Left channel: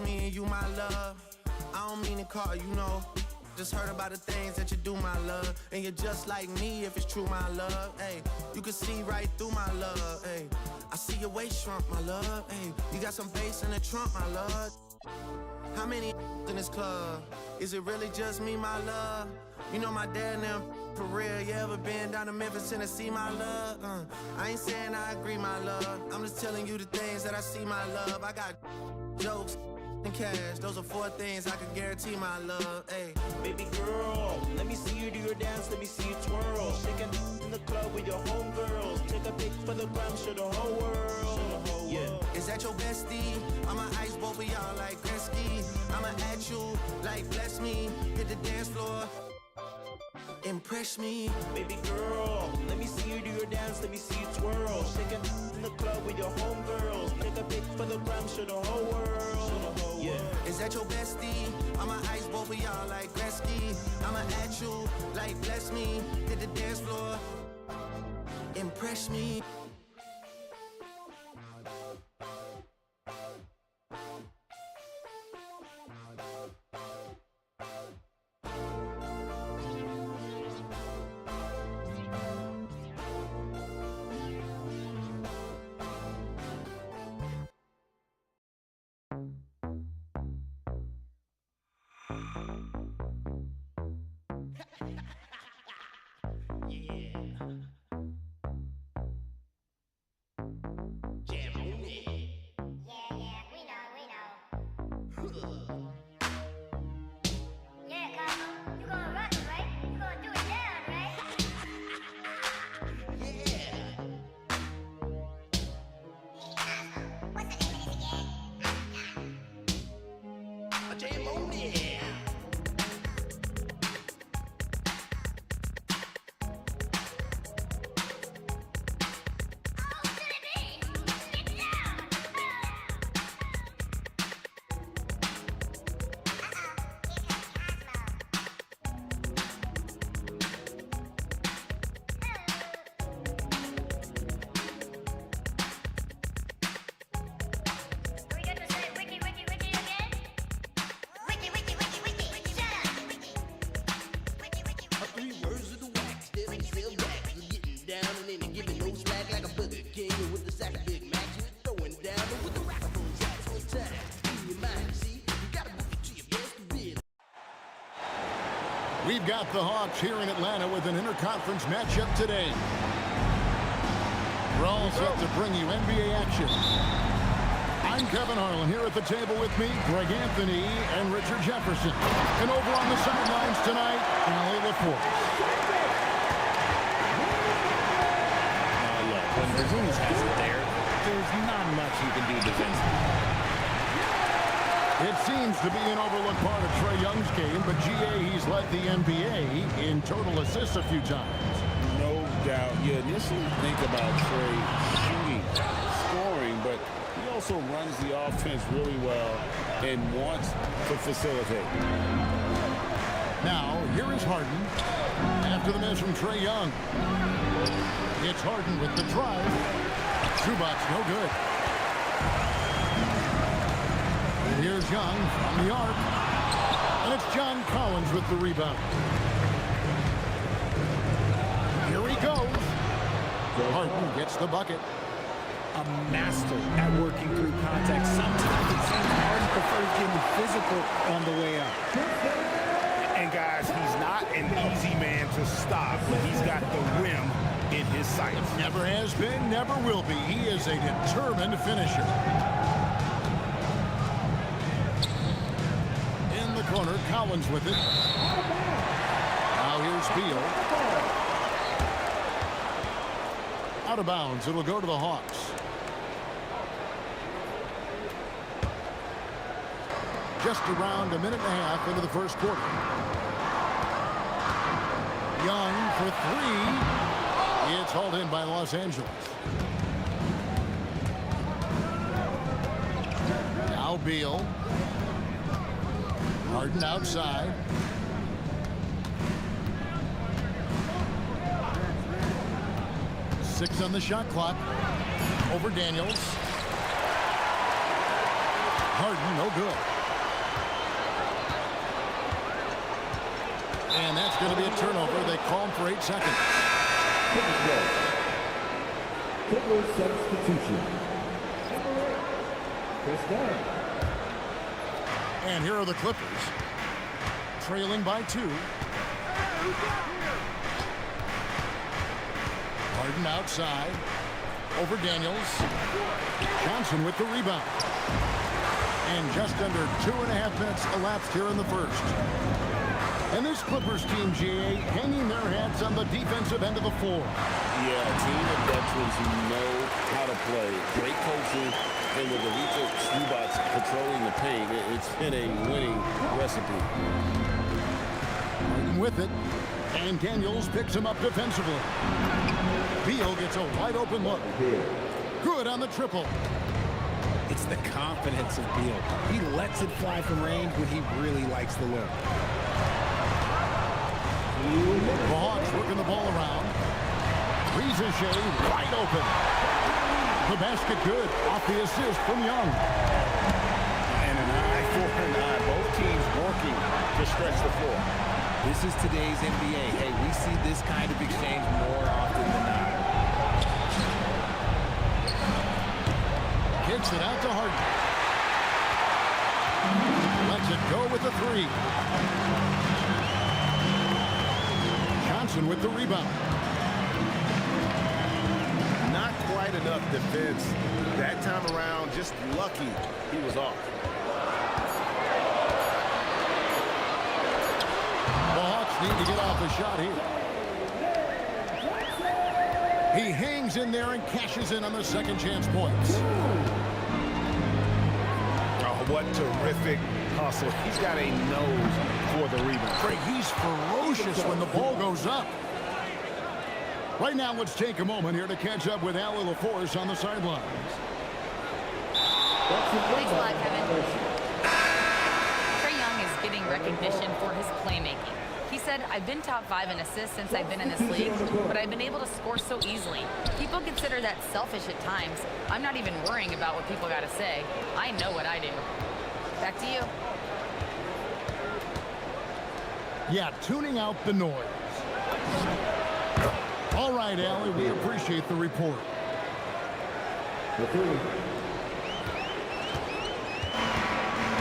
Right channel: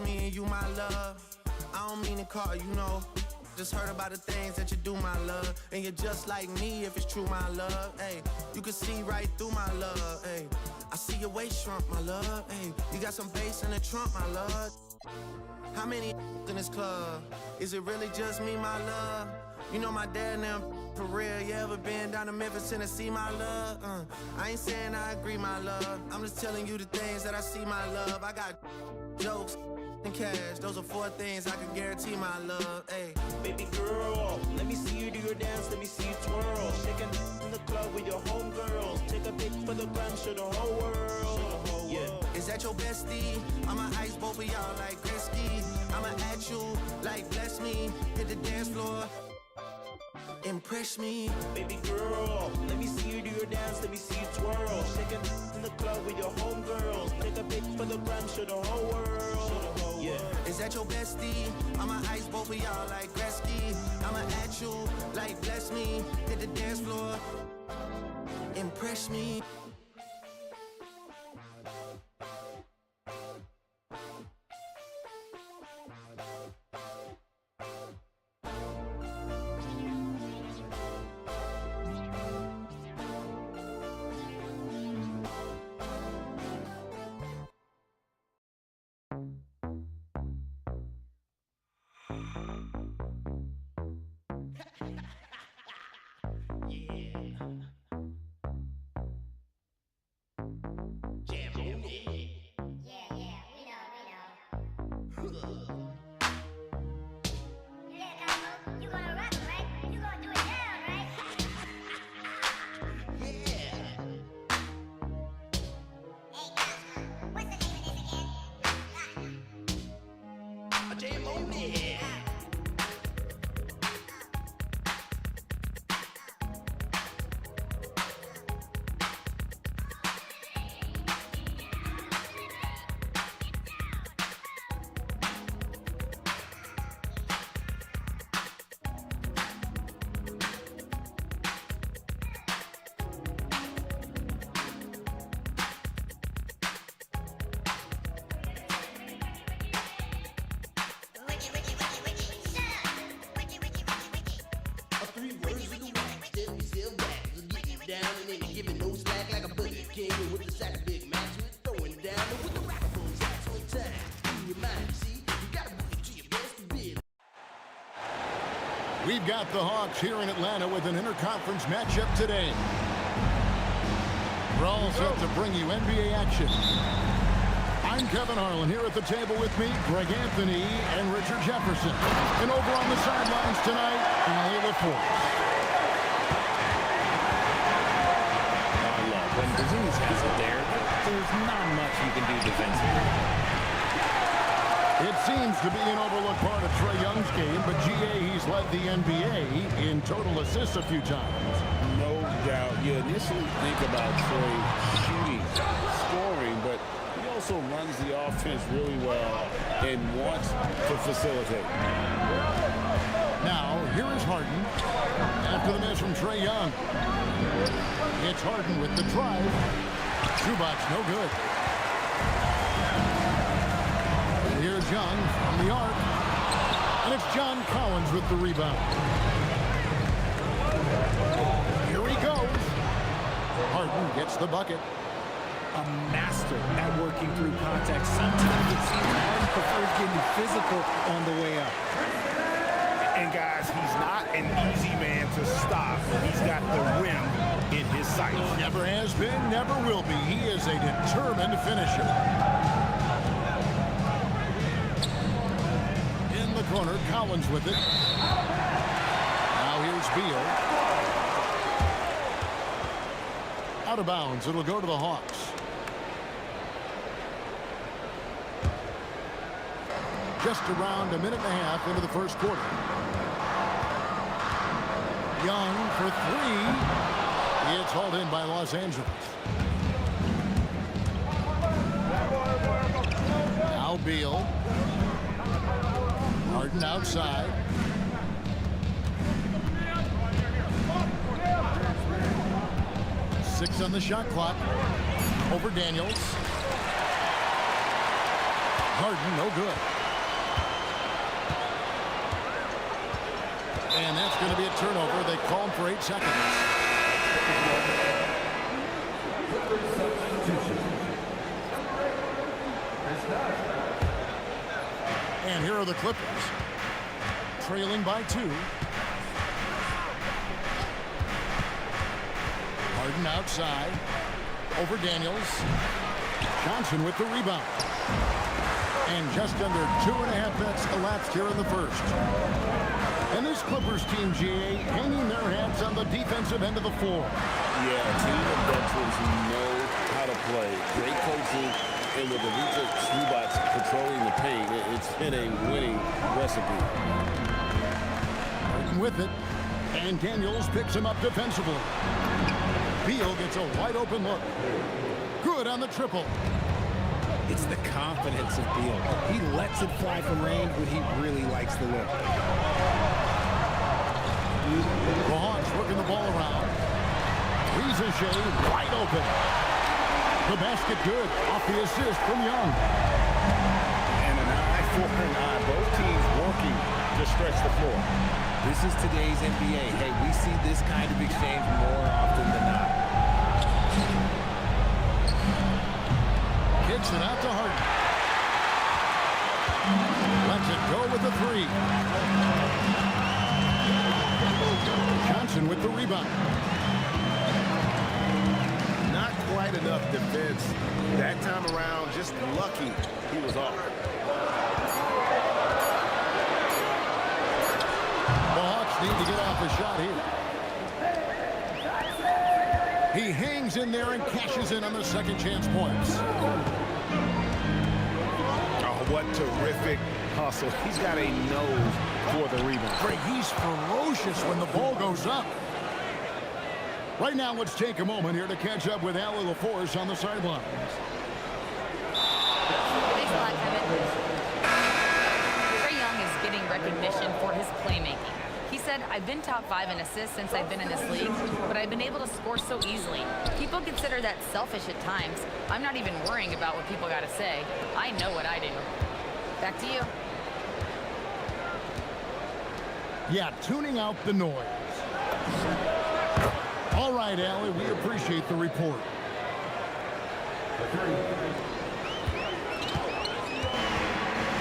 just me and you, my love. I don't mean to call you, know. Just heard about the things that you do, my love. And you're just like me if it's true, my love. Hey, you can see right through my love. Hey, I see your waist shrunk, my love. Hey, you got some bass in the trunk, my love. How many in this club? Is it really just me, my love? You know my dad and them for real. You ever been down to Memphis, Tennessee, my love? I ain't saying I agree, my love. I'm just telling you the things that I see, my love. I got jokes and cash. Those are 4 things I can guarantee, my love. Hey, baby girl, let me see you do your dance, let me see you twirl. Shaking in the club with your homegirls. Take a pic for the gram, show the whole world. Yeah. Is that your bestie? I'ma ice both of y'all like Gretzky. I'ma at you like bless me. Hit the dance floor, impress me. Baby girl, let me see you do your dance, let me see you twirl. Shaking in the club with your homegirls. Take a pic for the gram, show the whole world. Yeah. Is that your bestie? I'ma ice both of y'all like Gretzky. I'ma at you like bless me. Hit the dance floor, impress me. We've got the Hawks here in Atlanta with an interconference matchup today. We're all set to bring you NBA action. I'm Kevin Harlan. Here at the table with me, Greg Anthony and Richard Jefferson. And over on the sidelines tonight, Allie LaForce. Look, when Brazilians has it there, there's not much you can do defensively. It seems to be an overlooked part of Trae Young's game, but GA, he's led the NBA in total assists a few times. No doubt. You initially think about Trae shooting, scoring, but he also runs the offense really well and wants to facilitate. Now, here is Harden after the miss from Trae Young. It's Harden with the drive. Shoebox, no good. And here's Young from the arc. And it's John Collins with the rebound. Here he goes. Harden gets the bucket. A master at working through contact. Sometimes it seems Harden prefers getting physical on the way up. And guys, he's not an easy man to stop when he's got the rim in his sights. Never has been, never will be. He is a determined finisher. In the corner, Collins with it. Now here's Beal. Out of bounds, it'll go to the Hawks. Just around a minute and a half into the first quarter. Young for three. It's hauled in by Los Angeles. Now Beal. Harden outside. Six on the shot clock. Over Daniels. Harden, no good. And that's going to be a turnover. They call him for 8 seconds. Clippers substitution. And here are the Clippers, trailing by 2. Harden outside, over Daniels. Johnson with the rebound. And just under 2.5 minutes elapsed here in the first. And this Clippers team, GA, hanging their hats on the defensive end of the floor. Yeah, a team of veterans who know how to play. Great coaching, and with Elite Zubats patrolling the paint, it's been a winning recipe. Harden with it, and Daniels picks him up defensively. Beal gets a wide open look. Good on the triple. It's the confidence of Beal. He lets it fly from range when he really likes the look. The Hawks working the ball around. Rizachet wide open. The basket good off the assist from Young. And an eye for an eye. Both teams working to stretch the floor. This is today's NBA. Hey, we see this kind of exchange more often than not. Kicks it out to Harden. Lets it go with the 3. Johnson with the rebound. Not quite enough defense that time around. Just lucky he was off. The Hawks need to get off a shot here. He hangs in there and cashes in on the second chance points. Oh, what terrific hustle. He's got a nose for the rebound. Greg, he's ferocious when the ball goes up. Right now, let's take a moment here to catch up with Allie LaForce on the sidelines. Thanks a lot, Kevin. Trae Young is getting recognition for his playmaking. He said, I've been top 5 in assists since I've been in this league, but I've been able to score so easily. People consider that selfish at times. I'm not even worrying about what people got to say. I know what I do. Back to you. Yeah, tuning out the noise. All right, Allie, we appreciate the report.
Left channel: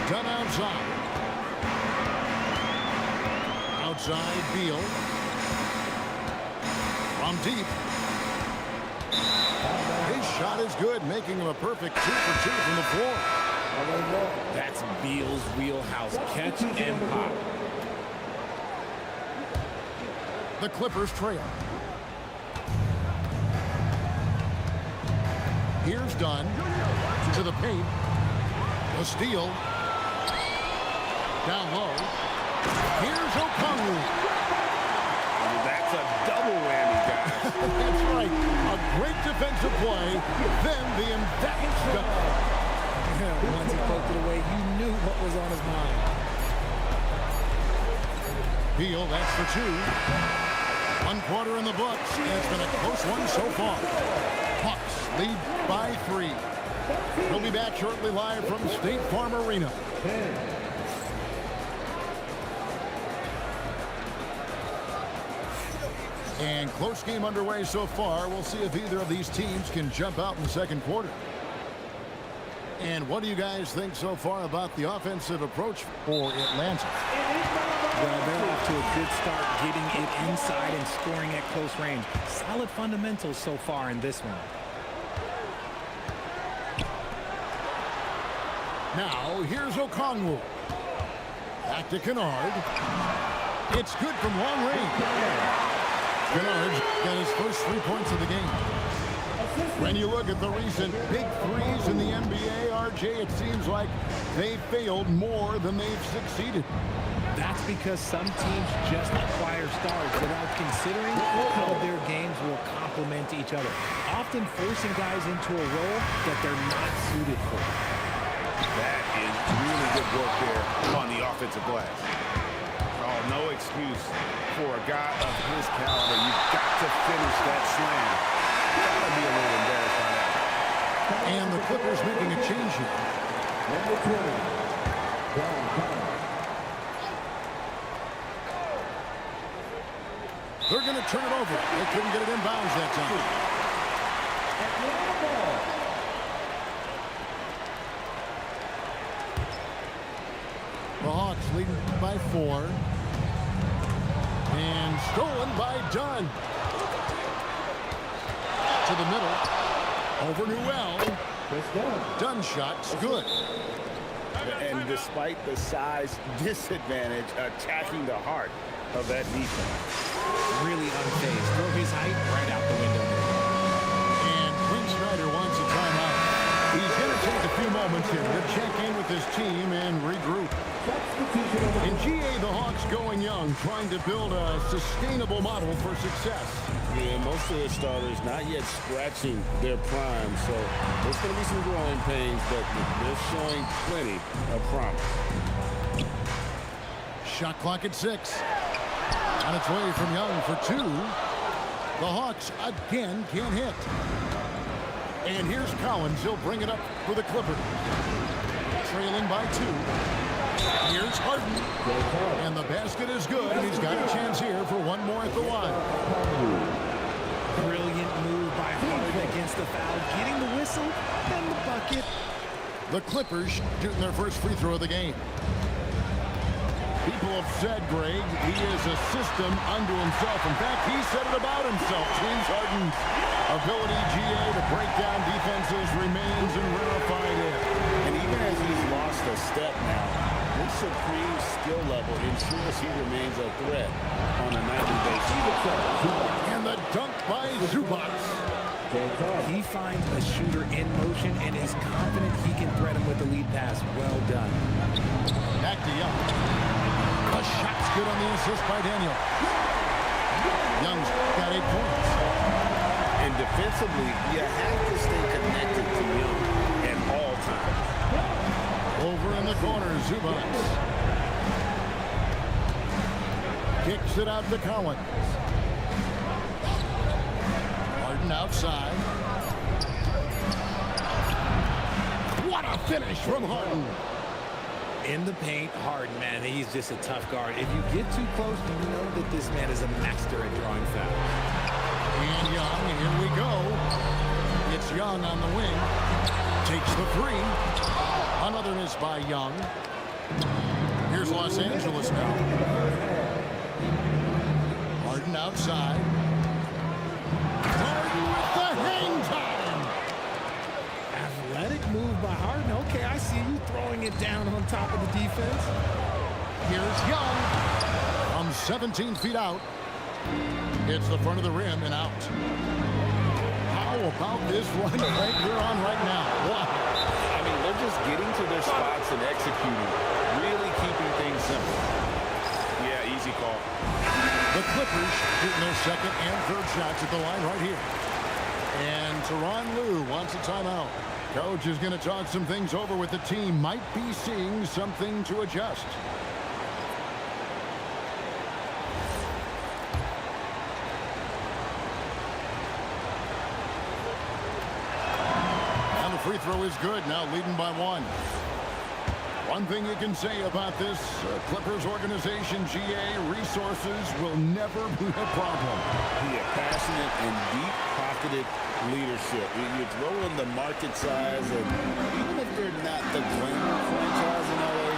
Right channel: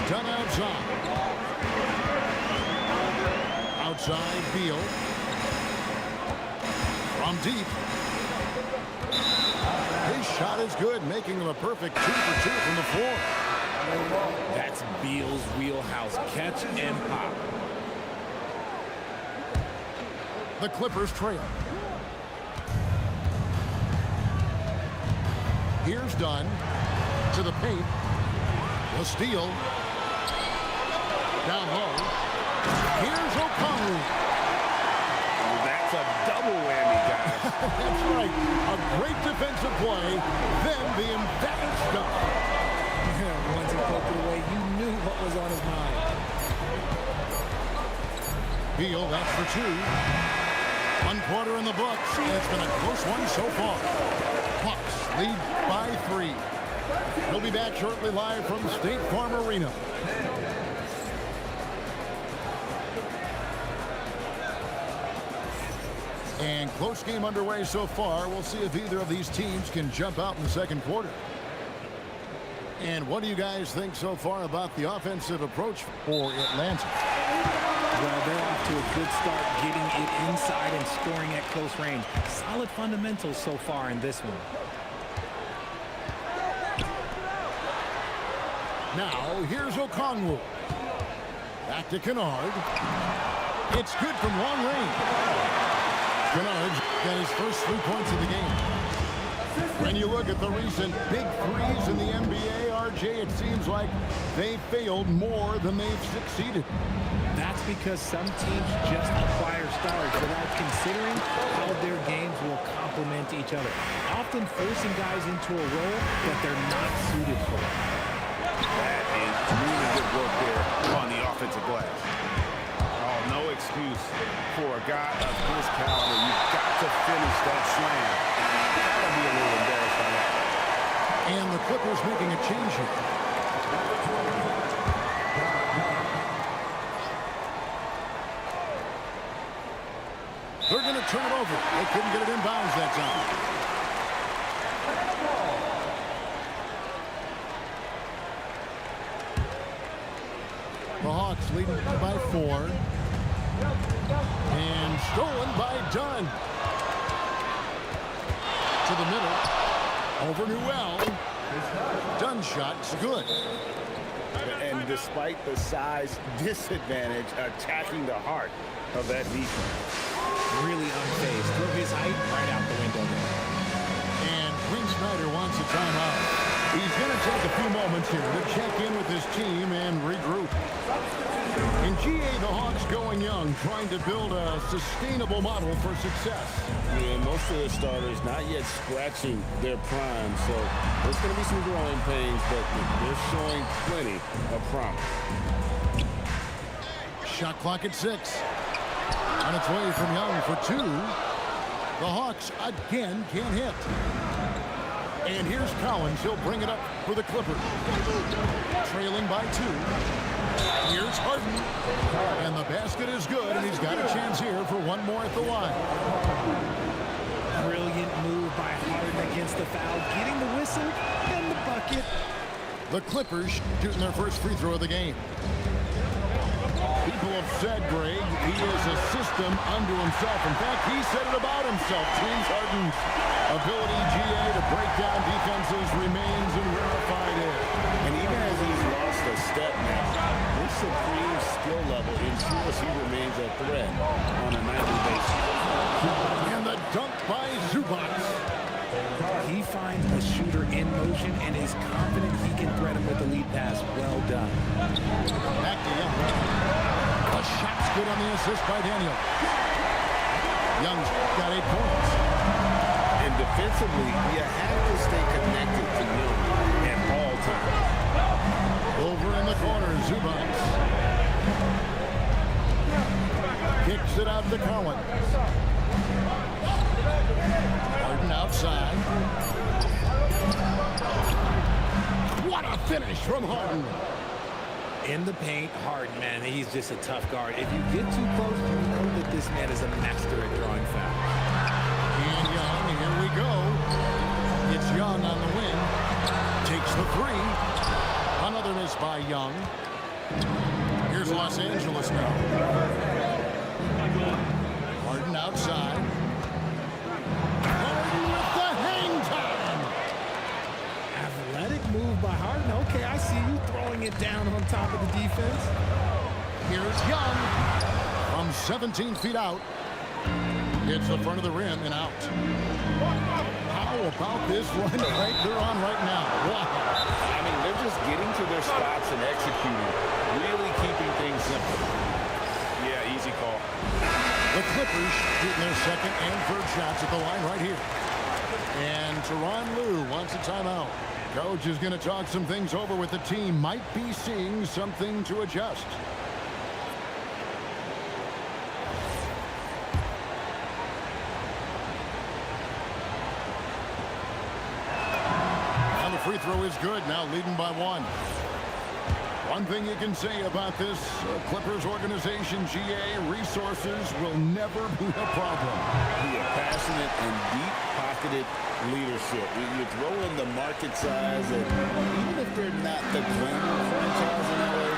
Done outside. Outside, Beal. From deep. His shot is good, making him a perfect 2 for 2 from the floor. That's Beal's wheelhouse. Catch and pop. The Clippers trail. Here's Dunn to the paint. The steal. Down low. Here's Okongwu. That's a double whammy, guys. That's right. A great defensive play. Then the emphatic stop. Once he poked it away, you knew what was on his mind. Beal, that's for 2. 1 quarter in the books, and it's been a close one so far. Hawks lead by 3. We'll be back shortly live from State Farm Arena. And close game underway so far. We'll see if either of these teams can jump out in the second quarter. And what do you guys think so far about the offensive approach for Atlanta? Well, they're off to a good start getting it inside and scoring at close range. Solid fundamentals so far in this one. Now, here's Okongwu. Back to Kennard. It's good from long range. Kennard's got his first 3 points of the game. When you look at the recent big threes in the NBA, RJ, it seems like they failed more than they've succeeded. That's because some teams just acquire stars without considering how their games will complement each other, often forcing guys into a role that they're not suited for. That is really good work there on the offensive glass. Oh, no excuse for a guy of his caliber. You've got to finish that slam. Gotta be a little embarrassed by that. And the Clippers making a change here. Number 20. Downtown. They're going to turn it over. They couldn't get it inbounds that time. The Hawks leading by 4. And stolen by Dunn. To the middle. Over Newell. Dunn shot's good. And despite the size disadvantage, attacking the heart of that defense. Really unfazed. Throw his height right out the window there. And Quinn Snyder wants a timeout. He's going to take a few moments here to check in with his team and regroup. In GA, the Hawks going young, trying to build a sustainable model for success. Yeah, most of the starters not yet scratching their prime, so there's going to be some growing pains, but they're showing plenty of promise. Shot clock at 6. On its way from Young for 2. The Hawks again can't hit. And here's Collins. He'll bring it up for the Clippers. Trailing by 2. Here's Harden. And the basket is good, and he's got a chance here for one more at the line. Brilliant move by Harden against the foul, getting the whistle and the bucket. The Clippers shooting their first free throw of the game. People have said, Greg, he is a system unto himself. In fact, he said it about himself. James Harden's ability, GA, to break down defenses remains in rarefied air. And even as he's lost a step now, his supreme skill level ensures he remains a threat on a nightly basis. And the dunk by Zubac. He finds a shooter in motion and is confident he can thread him with the lead pass. Well done. Back to Young. The shot's good on the assist by Daniel. Young's got 8 points. And defensively, you have to stay connected to Young at all times. Over in the corner, Zubac. Kicks it out to Collins. Harden outside. What a finish from Harden. In the paint, Harden, man, he's just a tough guard. If you get too close, you know that this man is a master at drawing fouls. And Young, here we go. It's Young on the wing. Takes the 3. Another miss by Young. Here's Los Angeles now. Harden outside. Harden with the hang time. Athletic move by Harden. Okay, I see you throwing it down on top of the defense. Here's Young from 17 feet out. Hits the front of the rim and out. How about this run Frank they're on right now? Wow. I mean, they're just getting to their spots and executing, really keeping things simple. Yeah, easy call. The Clippers shooting their second and third shots at the line right here. And Tyronn Lue wants a timeout. Coach is going to talk some things over with the team. Might be seeing something to adjust. And the free throw is good. Now leading by 1. One thing you can say about this Clippers organization, GA, resources will never be a problem. Yeah, passionate and deep-pocketed leadership. You throw in the market size, and even if they're not the glamour franchise in LA,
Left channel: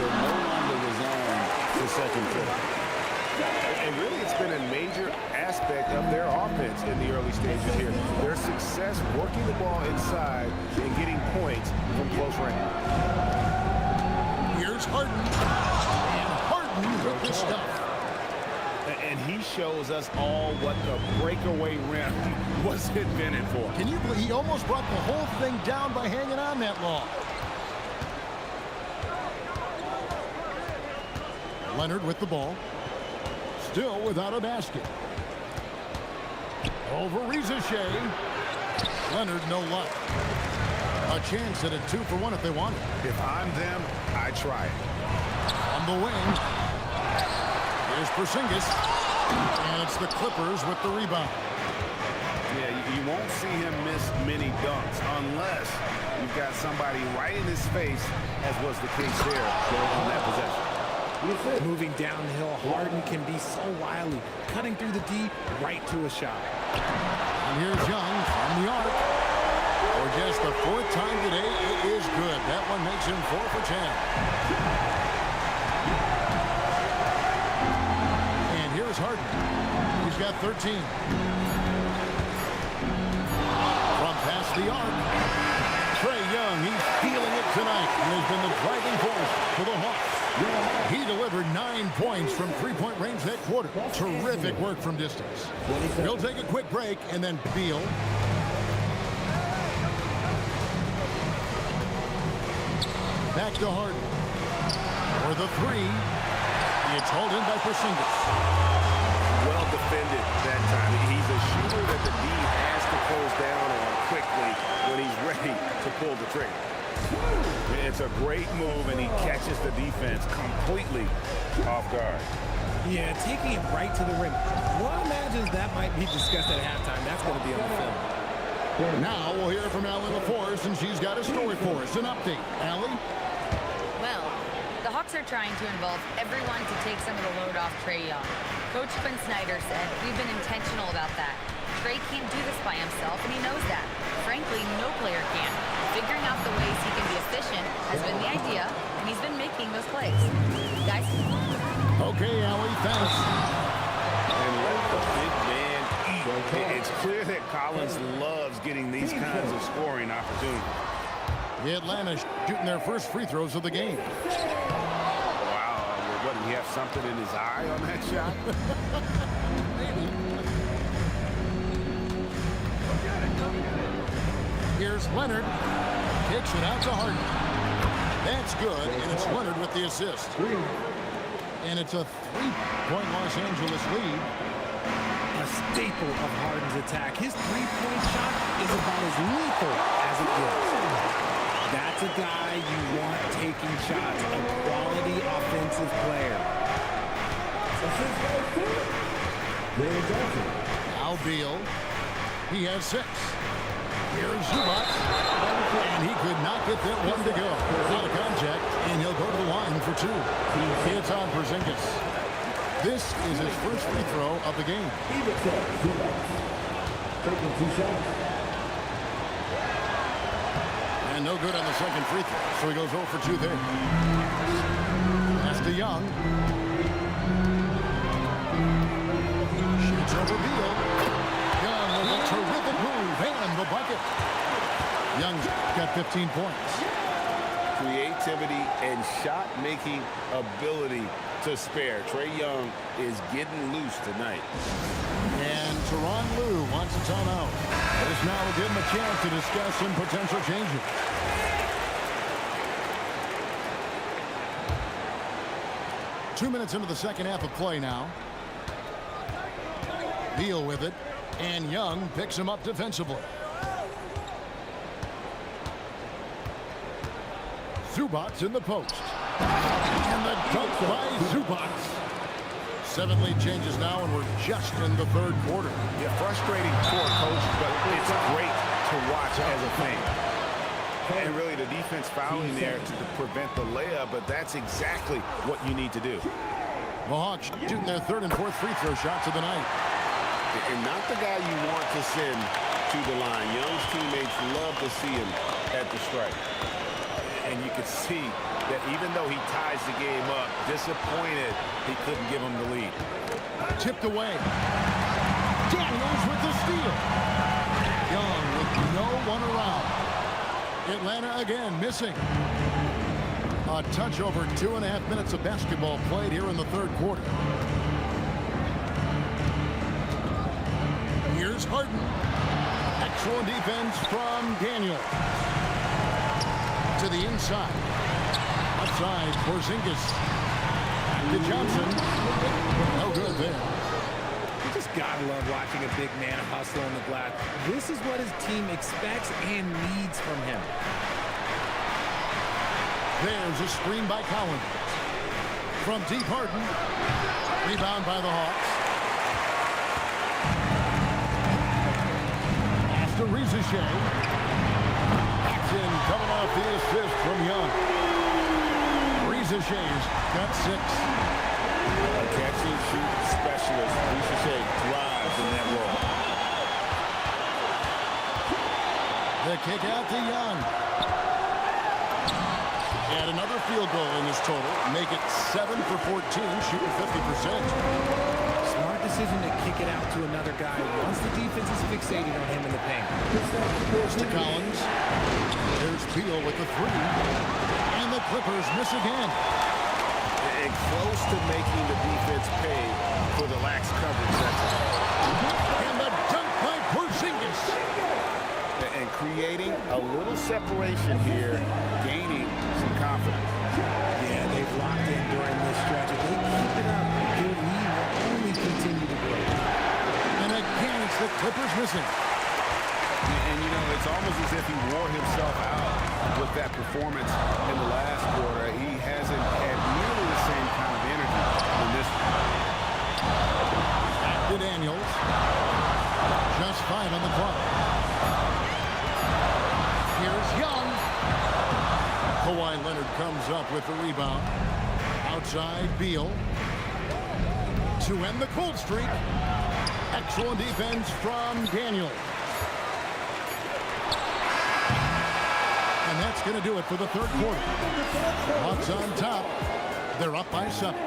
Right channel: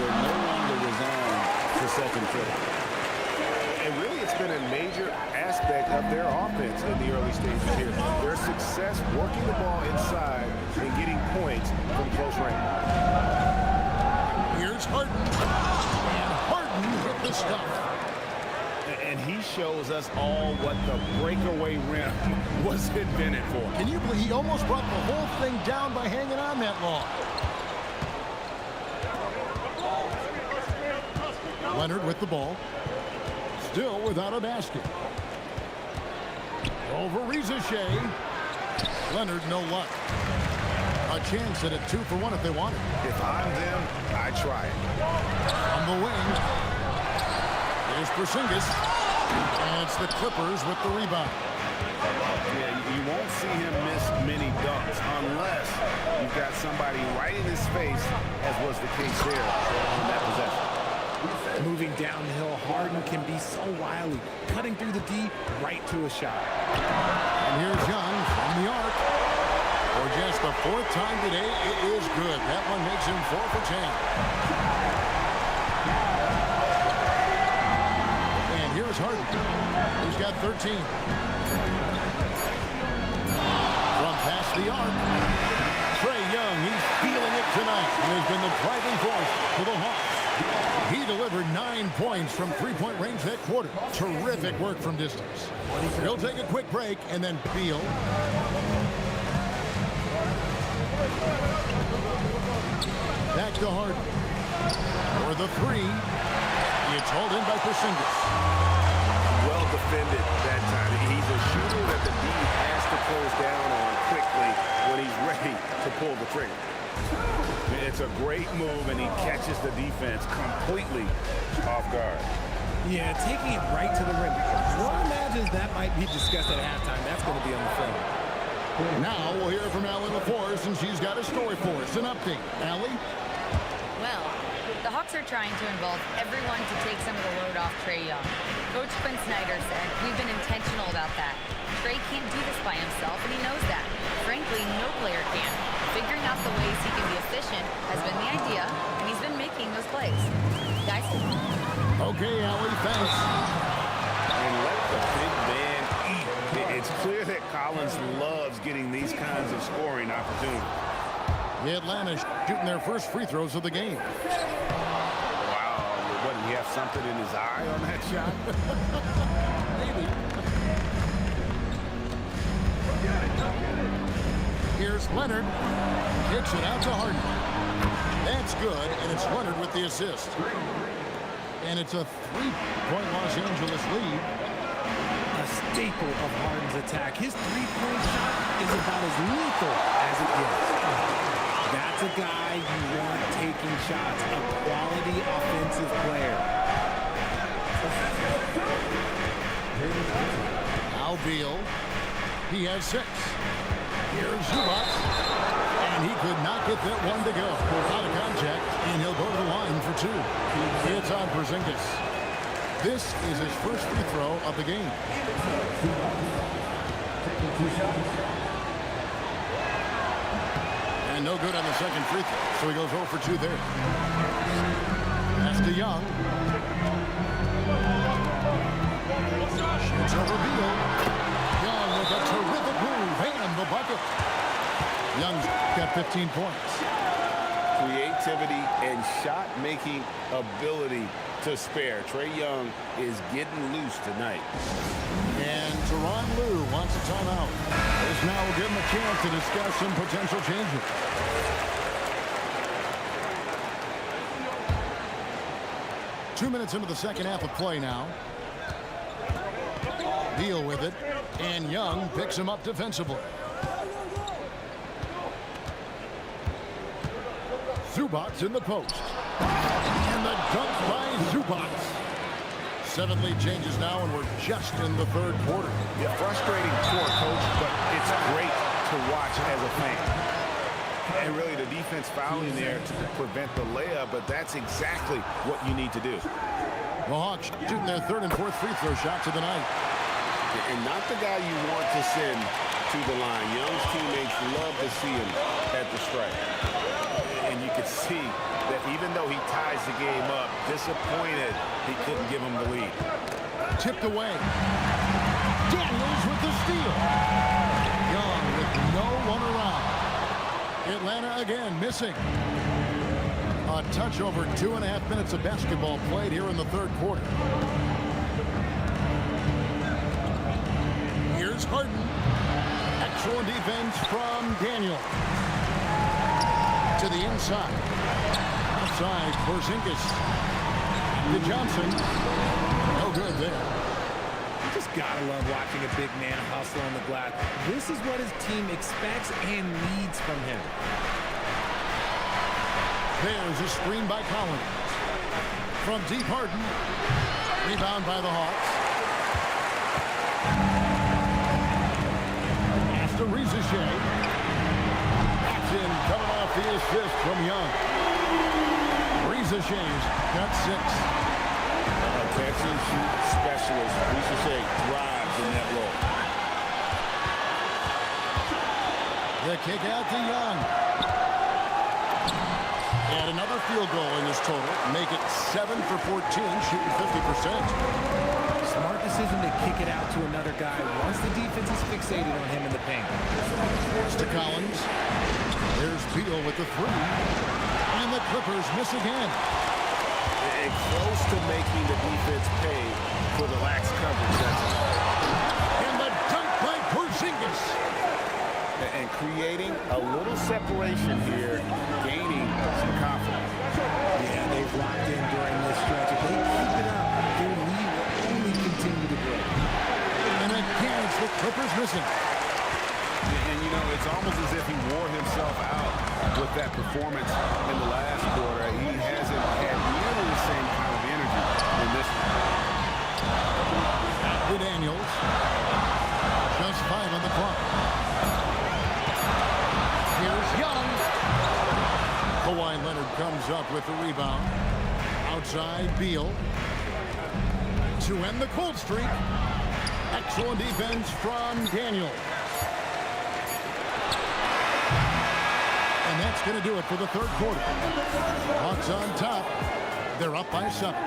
they're no longer resigned to second fiddle. And really, it's been a major aspect of their offense in the early stages here. Their success working the ball inside and getting points from close range. Here's Harden. And Harden with the stuff. And he shows us all what the breakaway rim was invented for. Can you believe he almost brought the whole thing down by hanging on that long? Leonard with the ball. Still without a basket. Over Reza Shea. Leonard, no luck. A chance at a 2-for-1 if they want it. If I'm them, I try it. On the wing. Here's Porzingis. And it's the Clippers with the rebound. Yeah, you won't see him miss many dunks unless you've got somebody right in his face, as was the case there on that possession. Moving downhill, Harden can be so wily, cutting through the D right to a shot. And here's Young from the arc. For just the fourth time today, it is good. That one makes him 4 for 10. And here's Harden. He's got 13. From past the arc, Trae Young, he's feeling it tonight and has been the driving force for the Hawks. He delivered 9 points from three-point range that quarter. Terrific work from distance. He'll take a quick break, and then Beal. Back to Harden. For the three, it's hauled in by Porzingis. Well defended that time. He's a shooter that the D has to close down on quickly when he's ready to pull the trigger. It's a great move, and he catches the defense completely off guard. Yeah, taking it right to the rim. One imagines that might be discussed at halftime. That's going to be on the film. Now we'll hear from Allie LaForce, and she's got a story for us. An update. Allie? Well, the Hawks are trying to involve everyone to take some of the load off Trae Young. Coach Quinn Snyder said, "We've been intentional about that. Trae can't do this by himself, and he knows that. Frankly, no player can. Figuring out the ways he can be efficient has been the idea, and he's been making those plays." Guys? Okay, Allie, thanks. And let the big man eat. It's clear that Collins loves getting these kinds of scoring opportunities. Atlanta shooting their first free throws of the game. Wow, what, did he have something in his eye on that shot? Maybe. Here's Leonard. Kicks it out to Harden. That's good, and it's Leonard with the assist. And it's a 3-point Los Angeles lead. A staple of Harden's attack. His three-point shot is about as lethal as it gets. That's a guy you want taking shots, a quality offensive player. Now Beal. He has 6. Here's Zubac. And he could not get that one to go. Out of contact, and he'll go to the line for 2. It's on Porzingis. This is his first free throw of the game. Taking 2 shots. And no good on the second free throw, so he goes 0 for 2 there. Pass to Young. Shoots over Beal. Young with a terrific move and the bucket. Young's got 15 points. Creativity and shot-making ability to spare. Trae Young is getting loose tonight. And Tyronn Lue wants a timeout. This now will give him a chance to discuss some potential changes. Two minutes into the second half of play now. Beal with it, and Young picks him up defensively. Zubac in the post. And the dunk by Zubac. 7 lead changes now, and we're just in the third quarter. Yeah, frustrating for a coach, but it's great to watch as a fan. And really, the defense fouling there to prevent the layup, but that's exactly what you need to do. The Hawks shooting their third and fourth free throw shots of the night. And not the guy you want to send to the line. Young's teammates love to see him at the stripe. And you could see that even though he ties the game up, disappointed he couldn't give him the lead. Tipped away. Daniels with the steal. Young with no one around. Atlanta again missing. A touch over 2.5 minutes of basketball played here in the third quarter. Here's Harden. Excellent defense from Daniel. To the inside. Outside, Porzingis. Back to Johnson. No good there. You just gotta love watching a big man hustle on the glass. This is what his team expects and needs from him. There's a screen by Collins. From deep, Harden. Rebound by the Hawks. to Shea. That's in, coming off the assist from Young. Shea's got 6. A catch-and-shoot specialist. Shea thrives in that role. The kick out to Young. And another field goal in this total. Make it 7 for 14, shooting 50%. Smart decision to kick it out to another guy once the defense is fixated on him in the paint. It's to Collins. There's Beal with the 3. And the Clippers miss again. And close to making the defense pay for the lax coverage that time. And the dunk by Porzingis. And creating a little separation here, gaining some confidence. Yeah, they've locked in during this stretch. If they keep it up, their lead will only continue to grow. And again, it's the Clippers missing. And, you know, it's almost as if he wore himself out with that performance in the last quarter. He hasn't had nearly the same kind of energy in this one. Back to Daniels. Just 5 on the clock. Here's Young. Kawhi Leonard comes up with the rebound. Outside, Beal. To end the cold streak. Excellent defense from Daniels. And that's going to do it for the third quarter. Hawks on top. They're up by 7.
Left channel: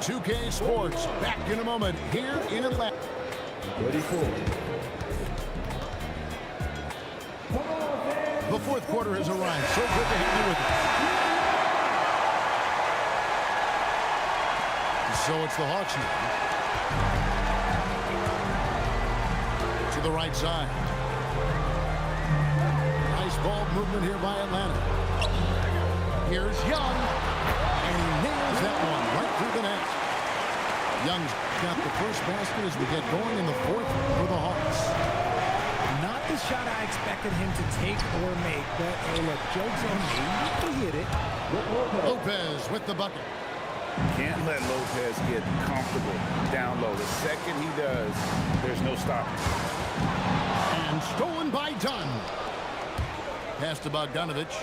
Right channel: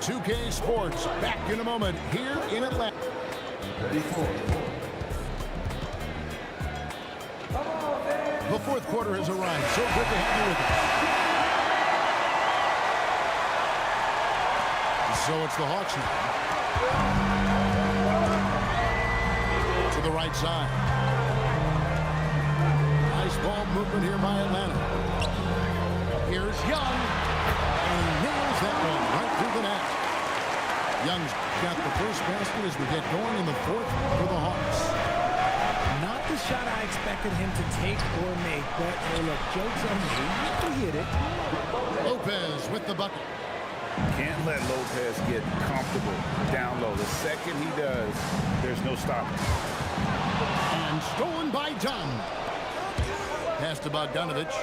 2K Sports back in a moment here in Atlanta. The fourth quarter has arrived. So good to have you with us. So it's the Hawks now. To the right side. Nice ball movement here by Atlanta. Here's Young. And he nails that one right through the net. Young's got the first basket as we get going in the fourth for the Hawks. Not the shot I expected him to take or make, but hey, look, joke's on me. He hit it. Lopez with the bucket. Can't let Lopez get comfortable down low. The second he does, there's no stopping. And stolen by Dunn. Pass to Bogdanovich.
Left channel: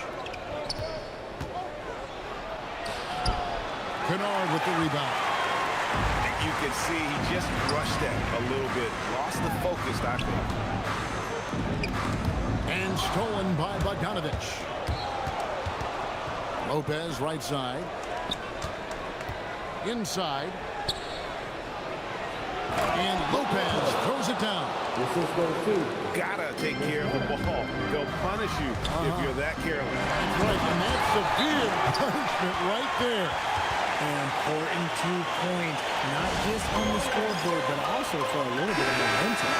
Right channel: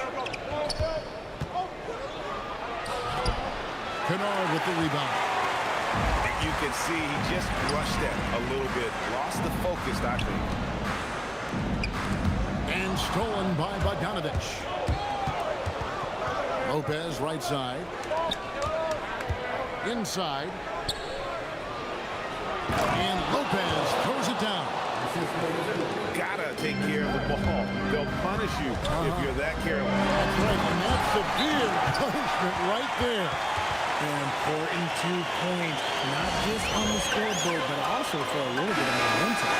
Kennard with the rebound. You can see he just rushed that a little bit. Lost the focus, I think. And stolen by Bogdanovich. Lopez right side. Inside. And Lopez throws it down. Gotta take care of the ball. They'll punish you if you're that careless. That's right, and that's severe punishment right there. An important 2 points, not just on the scoreboard, but also for a little bit of momentum.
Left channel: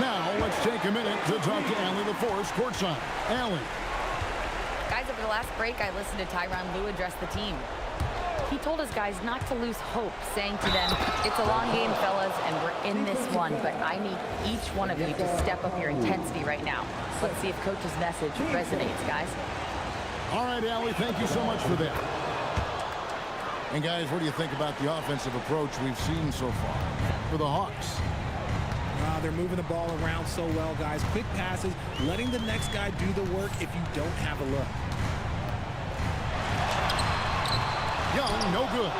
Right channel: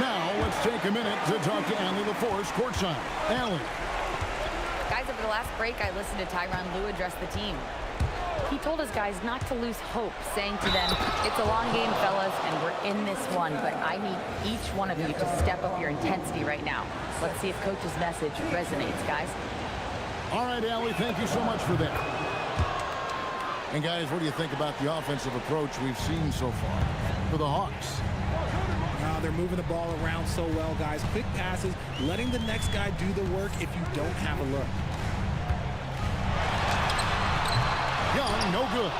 Now, let's take a minute to talk to Allie LaForce courtside. Allie. Guys, over the last break, I listened to Tyronn Lue address the team. He told his guys not to lose hope, saying to them, it's a long game, fellas, and we're in this one, but I need each one of you to step up your intensity right now. Let's see if Coach's message resonates, guys. All right, Allie, thank you so much for that. And, guys, what do you think about the offensive approach we've seen so far for the Hawks? They're moving the ball around so well, guys. Quick passes, letting the next guy do the work if you don't have a look. Young, no good.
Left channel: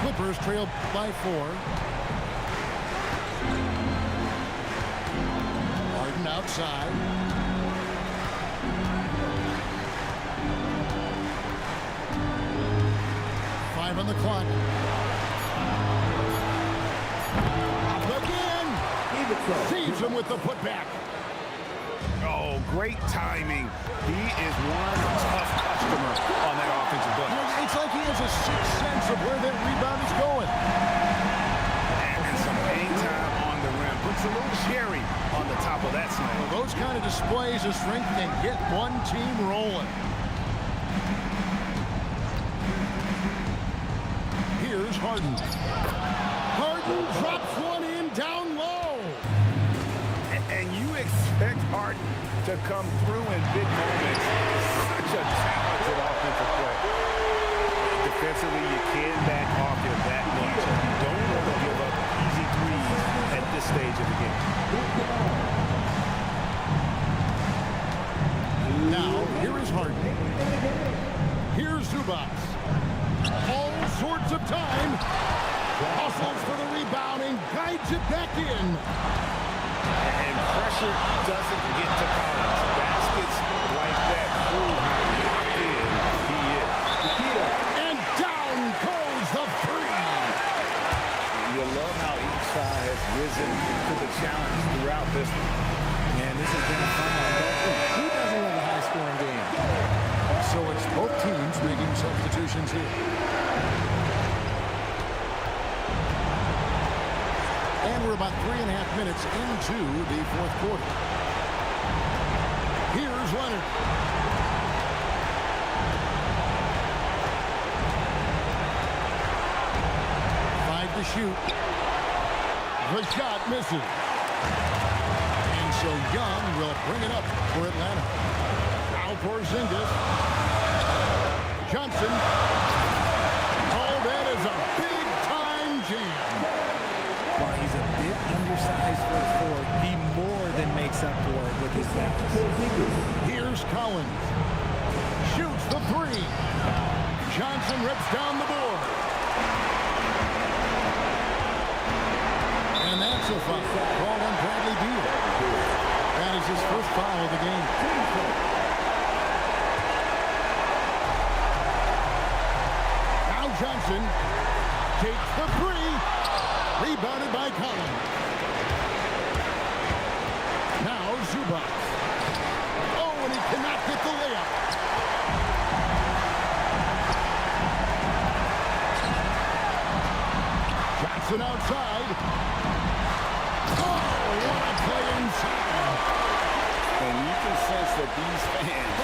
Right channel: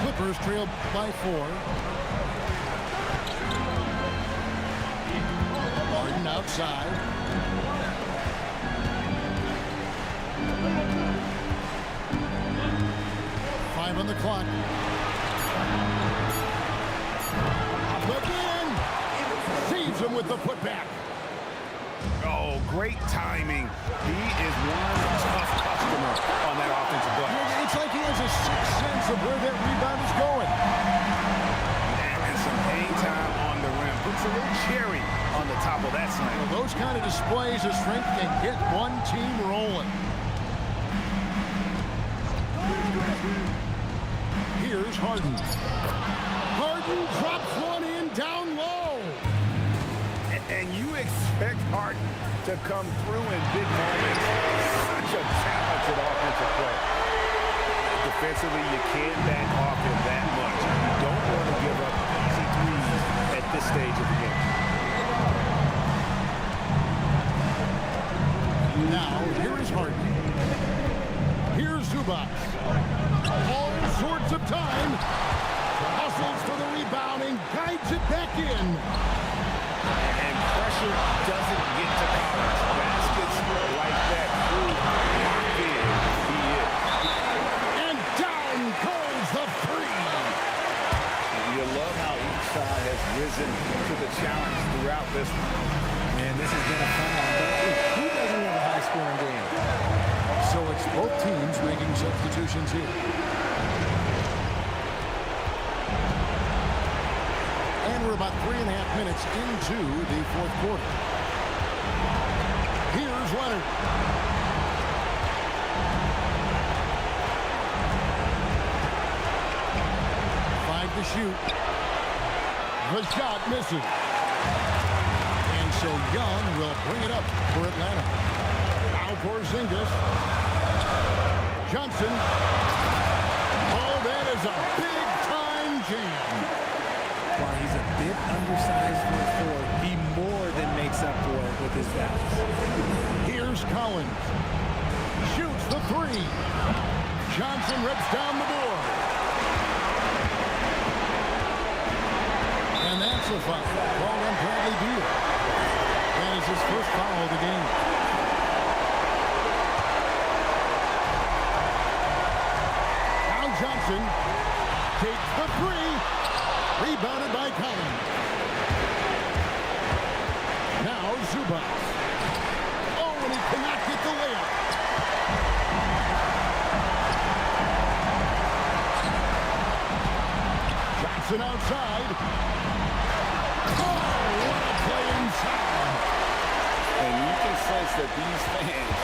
Clippers trail by 4. Harden outside. Five on the clock. Up again. Saves him with the putback. Oh, great timing. He is one tough customer on that offensive glass. You know, it's like he has a sixth sense of where that rebound is going. And some hang time on the rim. Puts a little cherry on the top of that slam. Well, those kind of displays of strength can get one team rolling. Here's Harden. Harden drops one in down low. And you expect Harden to come through in big moments. Such a talented offensive play. Defensively, you can't back off him that much. You don't want to give up easy threes at this stage of the game. Now, here is Harden. Here's Zubac. All sorts of time. Hustles for the rebound and guides it back in. And pressure doesn't get to Collins. Baskets like that prove how locked in he is. And down goes the three. You love how each side has risen to the challenge throughout this one. Man, this has been a fun one, but who doesn't love a high-scoring game? So it's both teams making substitutions here. And we're about 3.5 minutes into the fourth quarter. Here's Leonard. Five to shoot. The shot misses. And so Young will bring it up for Atlanta. Now Porzingis. Johnson. Oh, that is a big-time jam. While he's a bit undersized for a forward, he more than makes up for it with his balance. Here's Collins. Shoots the three. Johnson rips down the board. And that's a foul called on Bradley Beal. That is his first foul of the game. Now Johnson takes the three. Rebounded by Collins. Now Zubac. Oh, and he cannot get the layup. Johnson outside. Oh, what a play inside. And you can sense that these fans,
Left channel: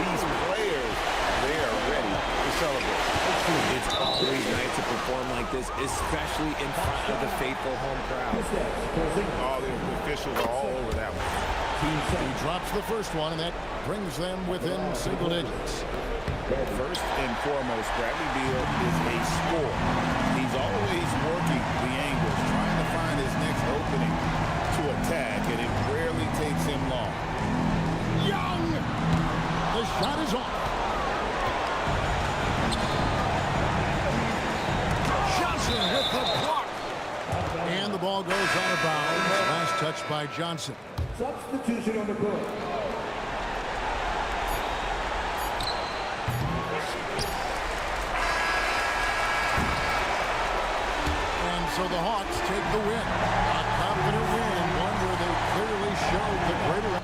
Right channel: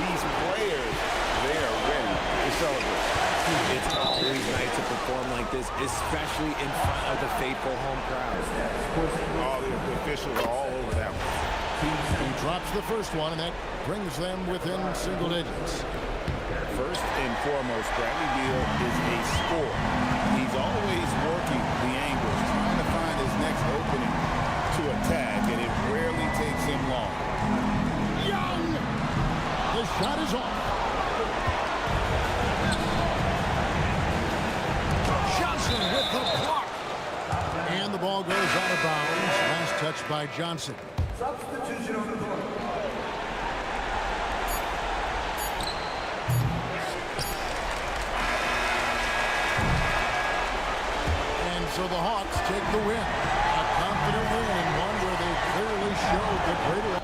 these players, they are ready to celebrate. It's always nice to perform like this, especially in front of the faithful home crowd. All the officials are all over that one. He drops the first one, and that brings them within single digits. First and foremost, Bradley Beal is a scorer. He's always working the angles, trying to find his next opening to attack, and it rarely takes him long. Young! The shot is off. Johnson with the block. And the ball goes out of bounds. Last touch by Johnson. Substitution on the court. And so the Hawks take the win. A confident win, and one where they clearly showed the greater...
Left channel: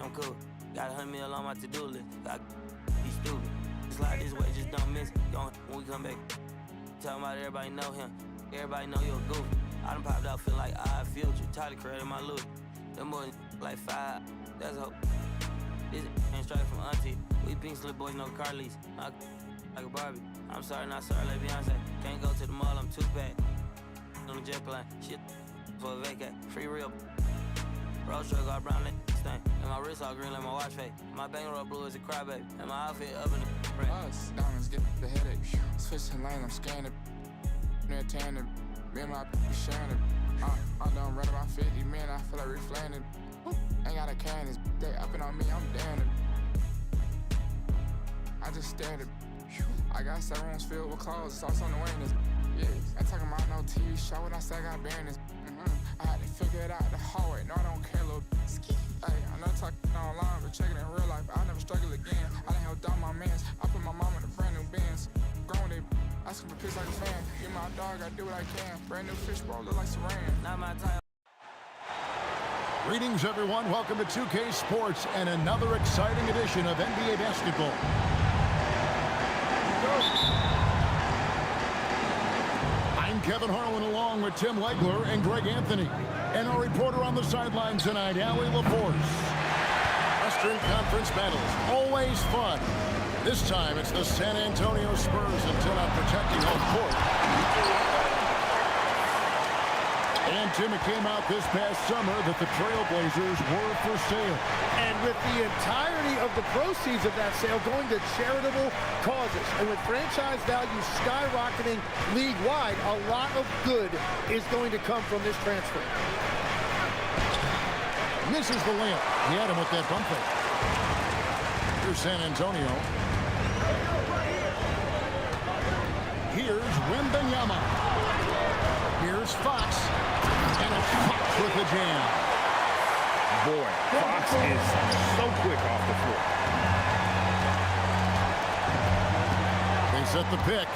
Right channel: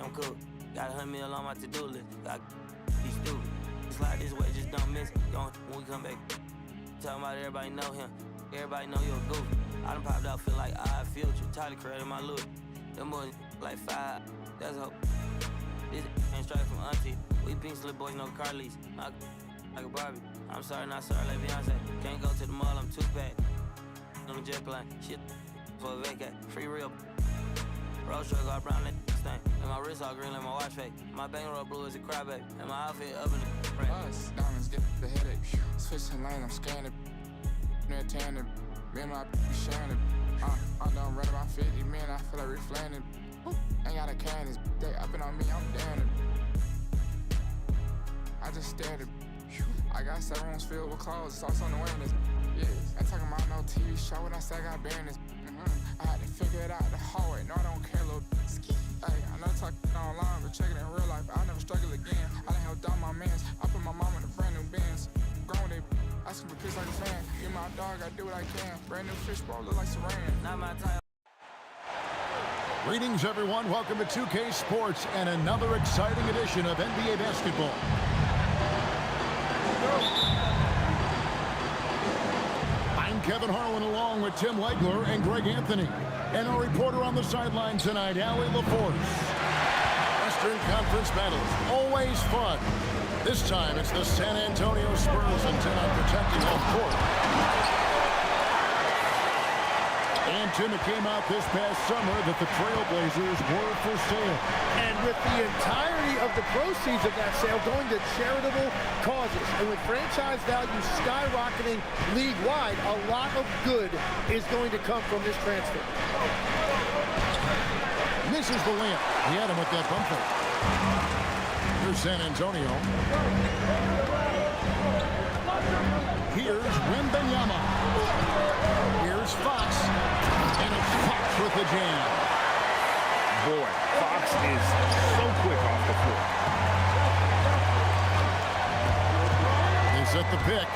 I'm cool. Got 100 mil on my to-do list. Got be stupid. Slide this way, just don't miss. Going when we come back. Talking about everybody know him. Everybody know you're a goof. I done popped out feel like I future. Tyler created my loot. Them boys like 5. That's hope. This ain't straight from auntie. We pink slip boys, no car lease. Like a Barbie. I'm sorry, not sorry, like Beyonce. Can't go to the mall, I'm 2-pack. On the jet plane. Shit for a vacate. Free real. Road truck got brown like stain. And my wrist all green like my watch face. My bankroll blue as a crybaby. And my outfit up in the us, diamonds get the headache. Switching lanes, I'm scanning. Near tanning. Me and my be sharing it. I'm done running my 50 men, I feel like reflaning. Ain't got a can, they upping on me, I'm down it. I just stared at. I got 7 rooms filled with clothes, it's also on the witness. Yeah, ain't talking about no TV show when I say I got banners. I had to figure it out the hallway, no I don't care, little ski. Hey, I know talking online, but check it in real life, I'll never struggle again. I done helped out my mans, I put my mom in a brand new Benz. Grown they asking for piss like a fan. You my dog, I do what I can. Brand new fish bowl, look like Saran. Not my type. Greetings, everyone. Welcome to 2K Sports and another exciting edition of NBA basketball. I'm Kevin Harlan along with Tim Legler and Greg Anthony. And our reporter on the sideline tonight, Allie LaForce. Western Conference battles, always fun. This time it's the San Antonio Spurs intent on protecting home court. And Tim, it came out this past summer that the Trailblazers were for sale. And with the entirety of the proceeds of that sale going to charitable causes, and with franchise value skyrocketing league-wide, a lot of good is going to come from this transfer. Misses the layup. He had him with that bump fake. Here's San Antonio. Here's Wembanyama. Here's Fox. And it's Fox with the jam. Boy, Fox is so quick off the floor. They set the pick.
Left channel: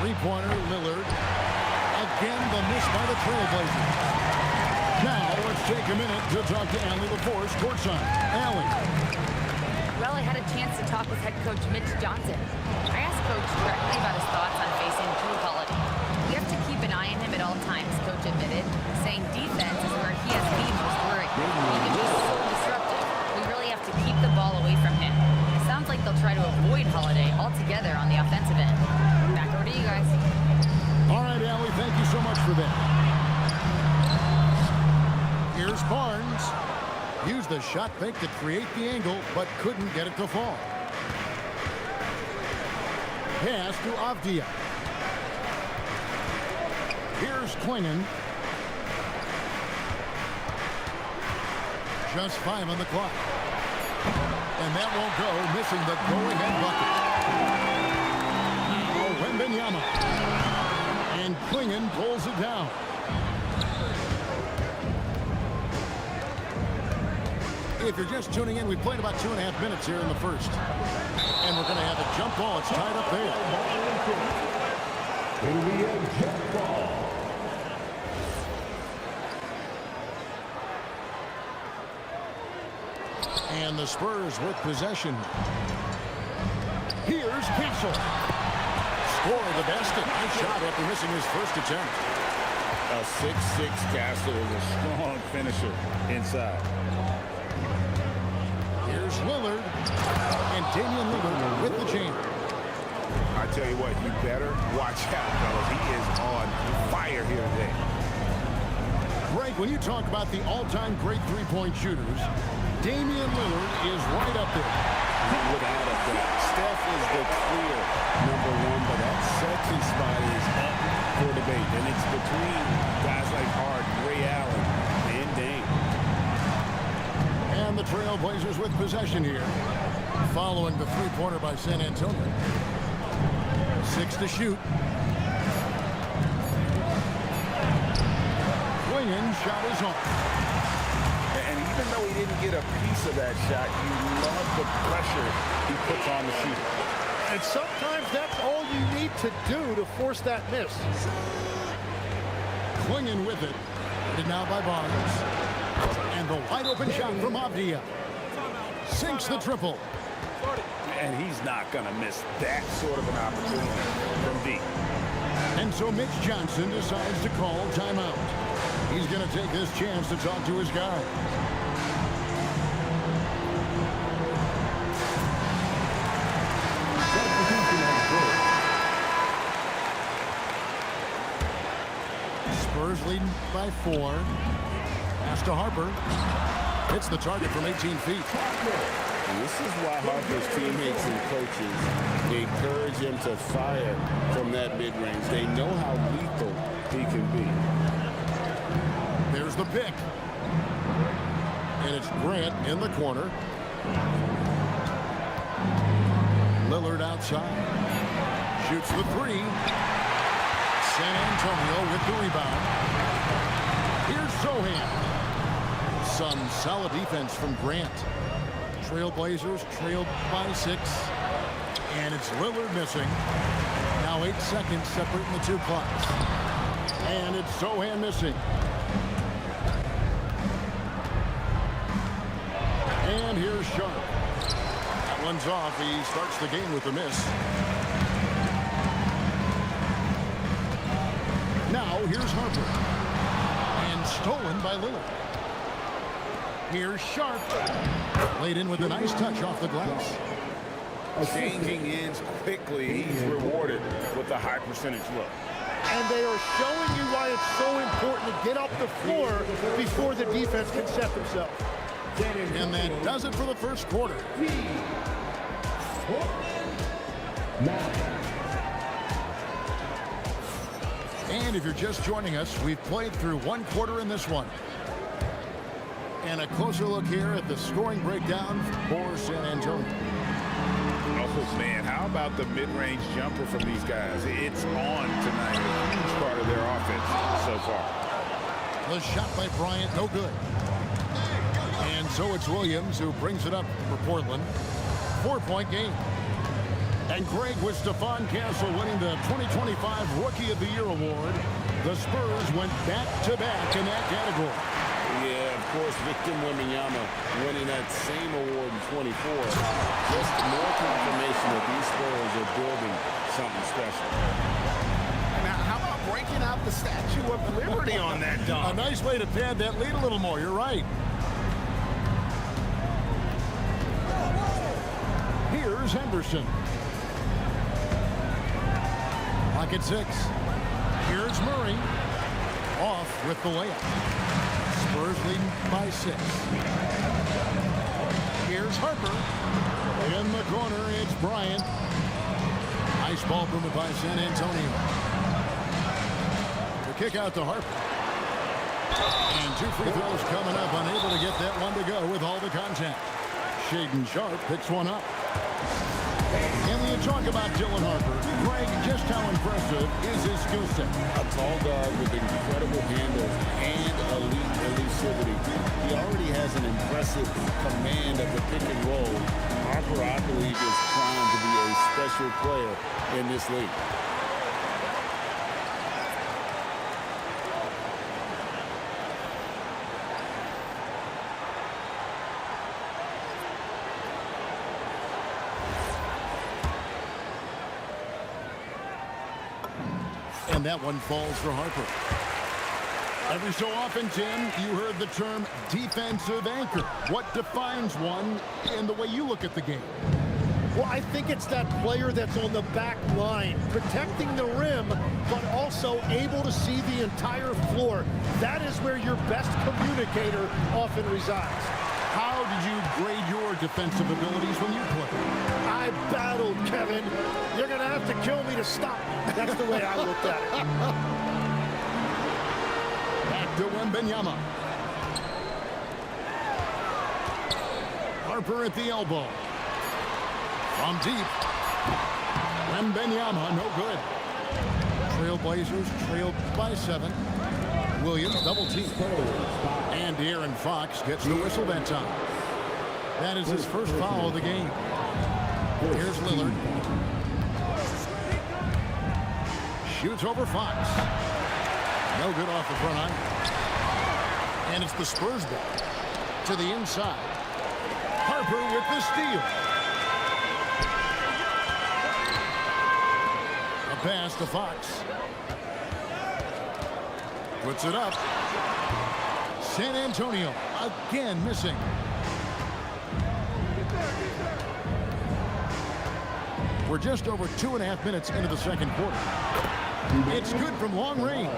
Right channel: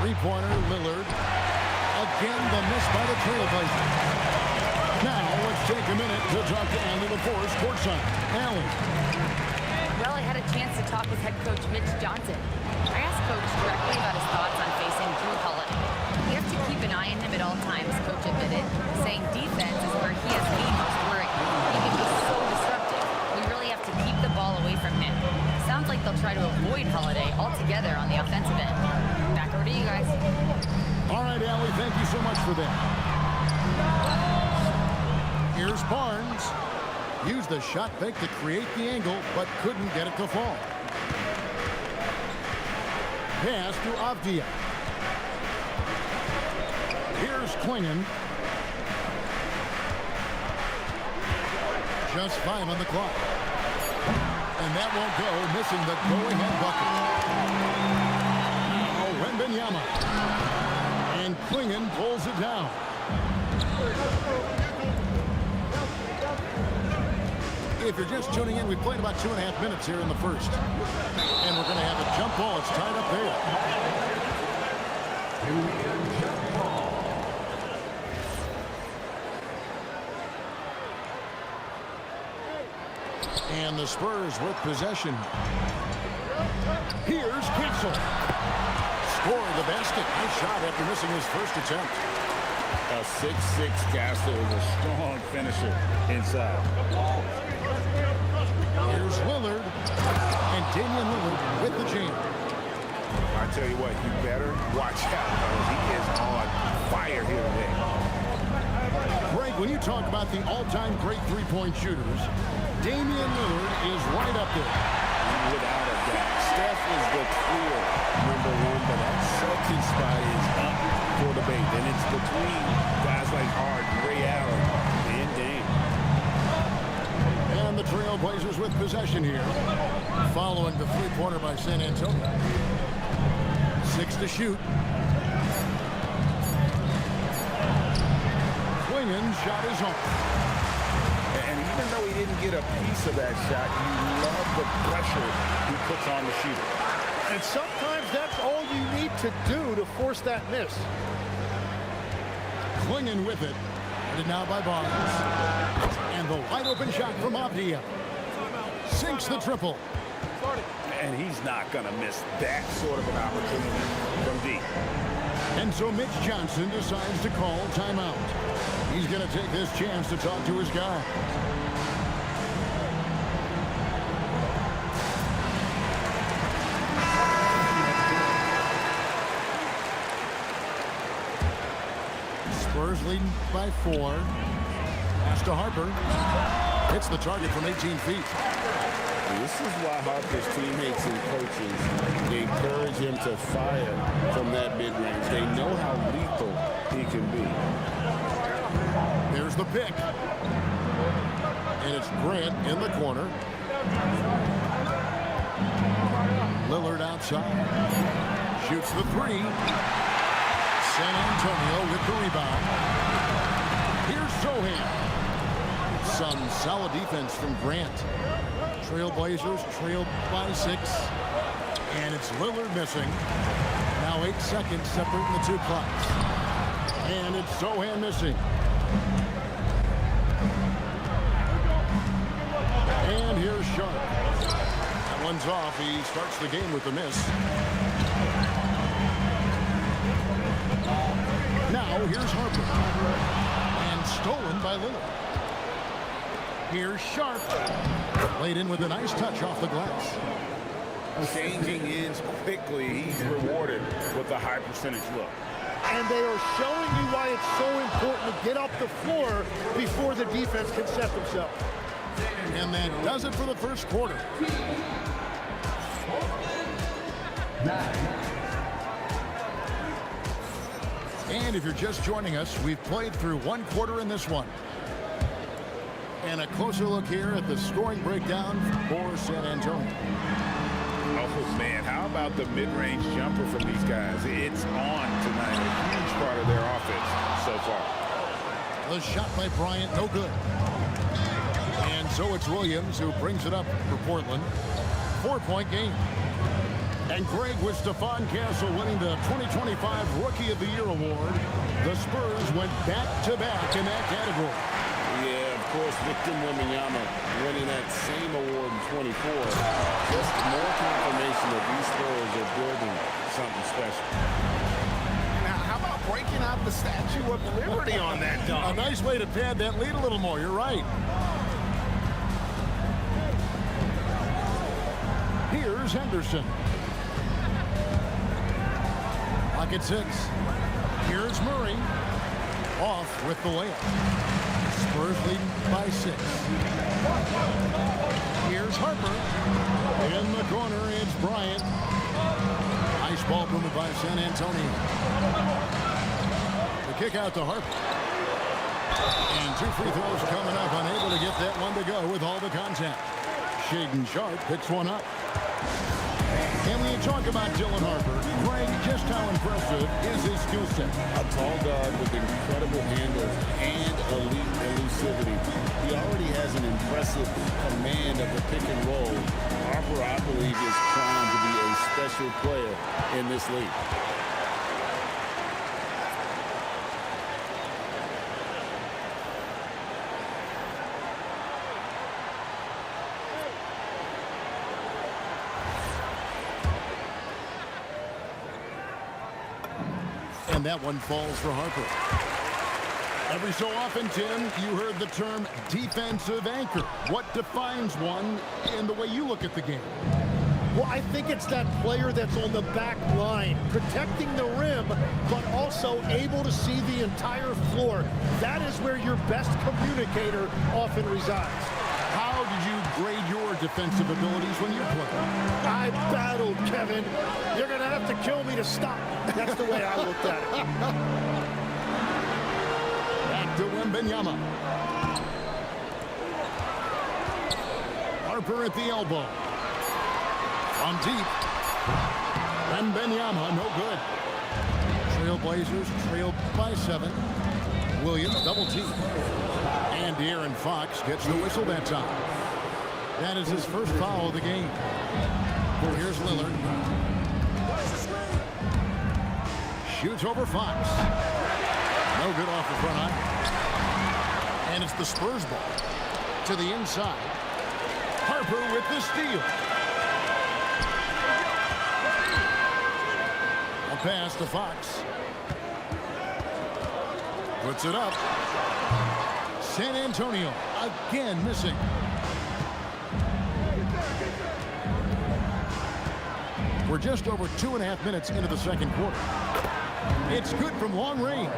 Three-pointer, Lillard. Again, the miss by the Trailblazers. Now, let's take a minute to talk to Allie LaForce courtside. Allie. Well, I had a chance to talk with head coach Mitch Johnson. I asked Coach directly about his thoughts on facing Drew Holiday. We have to keep an eye on him at all times, Coach admitted, saying defense is where he has the most worry. He can be so disruptive. We really have to keep the ball away from him. Sounds like they'll try to avoid Holiday altogether on the offensive end. Back over to you guys. All right, Allie, thank you so much for that. Here's Barnes. Used the shot fake to create the angle, but couldn't get it to fall. Pass to Avdia. Here's Klingon. Just 5 on the clock. And that won't go, missing the go-ahead bucket. Now Wembanyama. And Klingon pulls it down. If you're just tuning in, we played about 2.5 minutes here in the first. And we're going to have a jump ball. It's tied up there. Here we go, jump ball. And the Spurs with possession. Here's Castle. Score the basket. Nice shot after missing his first attempt. A 6'6" Castle is a strong finisher inside. Here's Lillard. And Damian Lillard with the jam. I tell you what, you better watch out, fellas. He is on fire here today. Greg, when you talk about the all-time great three-point shooters, Damian Lillard is right up there. Without a doubt. Steph is the clear #1, but that second spot is up for debate. And it's between guys like Harden, Ray Allen, and Dame. And the Trailblazers with possession here, following the three-pointer by San Antonio. 6 to shoot. Klingon shot is off. And even though he didn't get a piece of that shot, you love the pressure he puts on the shooter. And sometimes that's all you need to do to force that miss. Klingon with it. Guarded now by Barnes. And the wide open shot from Avdia. Sinks the triple. And he's not going to miss that sort of an opportunity from deep. And so Mitch Johnson decides to call timeout. He's going to take this chance to talk to his guy. Spurs leading by 4. Pass to Harper. Hits the target from 18 feet. This is why Harper's teammates and coaches encourage him to fire from that mid-range. They know how lethal he can be. There's the pick. And it's Grant in the corner. Lillard outside. Shoots the 3. San Antonio with the rebound. Here's Sohan. Some solid defense from Grant. Trailblazers trailed by 6. And it's Lillard missing. Now 8 seconds separating the two clocks. And it's Sohan missing. And here's Sharp. That one's off. He starts the game with a miss. Now here's Harper. And stolen by Lillard. Here's Sharp. Laid in with a nice touch off the glass. Changing ends quickly. He's rewarded with a high percentage look. And they are showing you why it's so important to get up the floor before the defense can set themselves. And that does it for the first quarter. And if you're just joining us, we've played through one quarter in this one. And a closer look here at the scoring breakdown for San Antonio. Oh, man, how about the mid-range jumper from these guys? It's on tonight, a huge part of their offense so far. The shot by Bryant, no good. And so it's Williams who brings it up for Portland. 4-point game. And Greg, with Stephon Castle winning the 2025 Rookie of the Year award, the Spurs went back-to-back in that category. Yeah, of course, Victor Wembanyama winning that same award in 24. Just more confirmation that these Spurs are building something special. Now, how about breaking out the Statue of Liberty on that dunk? A nice way to pad that lead a little more. You're right. Here's Henderson. Lock at 6. Here's Murray. Off with the layup. Spurs leading by 6. Here's Harper. In the corner, it's Bryant. Nice ball movement by San Antonio. The kick out to Harper. And 2 free throws coming up. Unable to get that one to go with all the contact. Shaedon Sharp picks one up. And when you talk about Dylan Harper, Greg, just how impressive is his skill set? A tall guard with incredible handles and elite elusivity. He already has an impressive command of the pick and roll. Harper, I believe, is primed to be a special player in this league. And that one falls for Harper. Every so often, Tim, you heard the term defensive anchor. What defines one in the way you look at the game? Well, I think it's that player that's on the back line, protecting the rim, but also able to see the entire floor. That is where your best communicator often resides. How did you grade your defensive abilities when you played? I battled, Kevin. You're going to have to kill me to stop me. That's the way I looked at it. Back to Wembanyama. Harper at the elbow. From deep. Wembanyama, no good. Trailblazers trailed by 7. Williams double team. And De'Aaron Fox gets the whistle that time. That is his first foul of the game. Here's Lillard. Shoots over Fox. No good off the front iron. And it's the Spurs ball. To the inside. Harper with the steal. A pass to Fox. Puts it up. San Antonio again missing. We're just over 2.5 minutes into the second quarter. It's good from long range.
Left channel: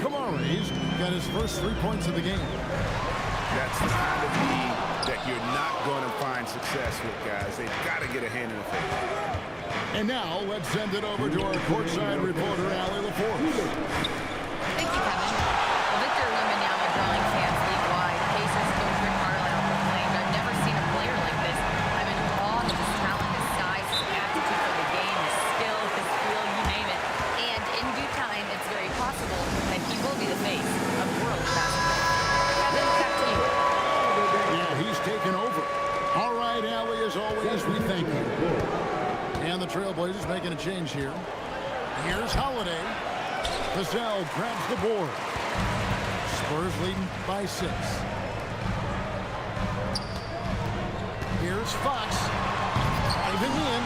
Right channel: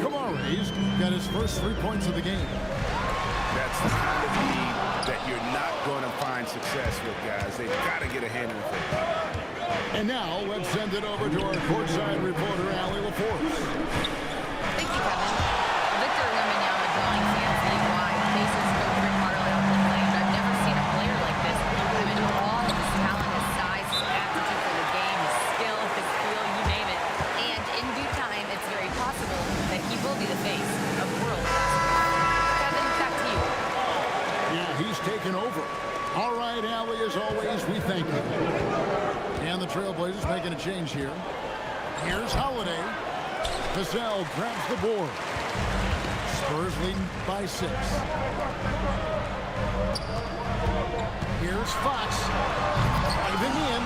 Kamare's got his first 3 points of the game. That's the kind of lead that you're not going to find success with, guys. They've got to get a hand in the face. And now let's send it over to our courtside reporter, Allie LaForce. Thank you, Kevin. Well, Victor Wembanyama drawing fans league-wide. Pacers coach Rick Carlisle proclaimed, "I've never seen a player like this. I'm in awe of his talent, his size, his aptitude for the game, his skill, his feel, you name it. And in due time, it's very possible that he will be the face of world basketball." Kevin, back to you. Yeah, he's taken over. All right, Allie, as always, we thank you. And the Trailblazers making a change here. Here's Holiday. Vassell grabs the board. Spurs leading by 6. Here's Fox. Driving in.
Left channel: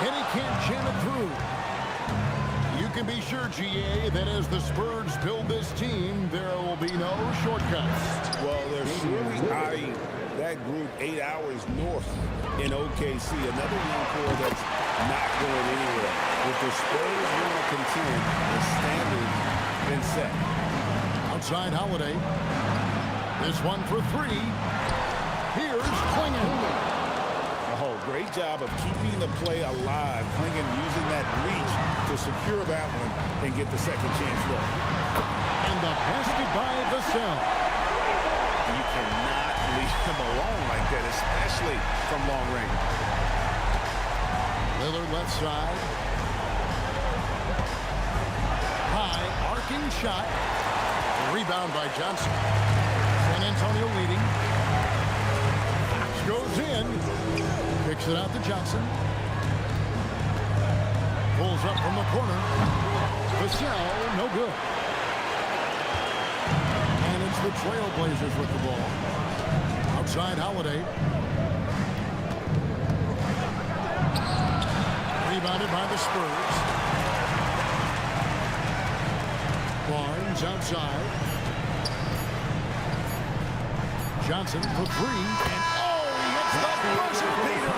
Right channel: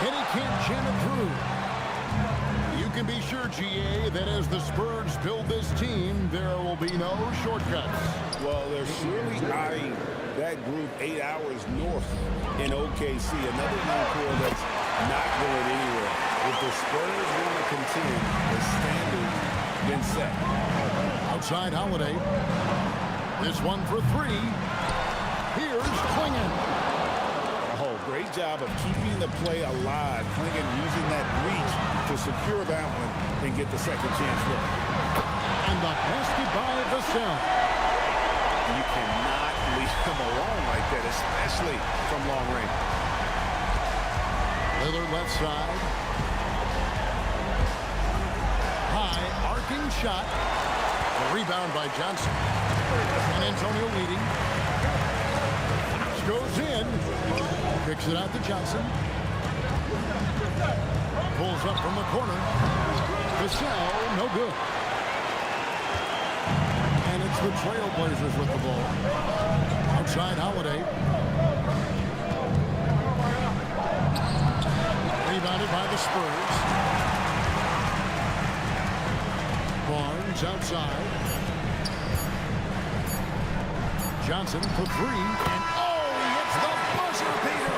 And he can't jam it through. You can be sure, GA, that as the Spurs build this team, there will be no shortcuts. Well, they're surely eyeing that group 8 hours north in OKC. Another young core that's not going anywhere. If the Spurs want to contend, the standard's been set. Outside Holiday. This one for three. Here's Klingon. Oh, great job of keeping the play alive. Klingon using that reach to secure that one and get the second chance look. And the basket by Vassell. You cannot leave him alone like that, especially from long range. Lillard left side. High arcing shot. The rebound by Johnson. San Antonio leading. Fox goes in. Kicks it out to Johnson. Pulls up from the corner. Vassell, no good. And it's the Trailblazers with the ball. Outside Holiday. Rebounded by the Spurs. Barnes outside. Johnson for three. And he hits the buzzer beater.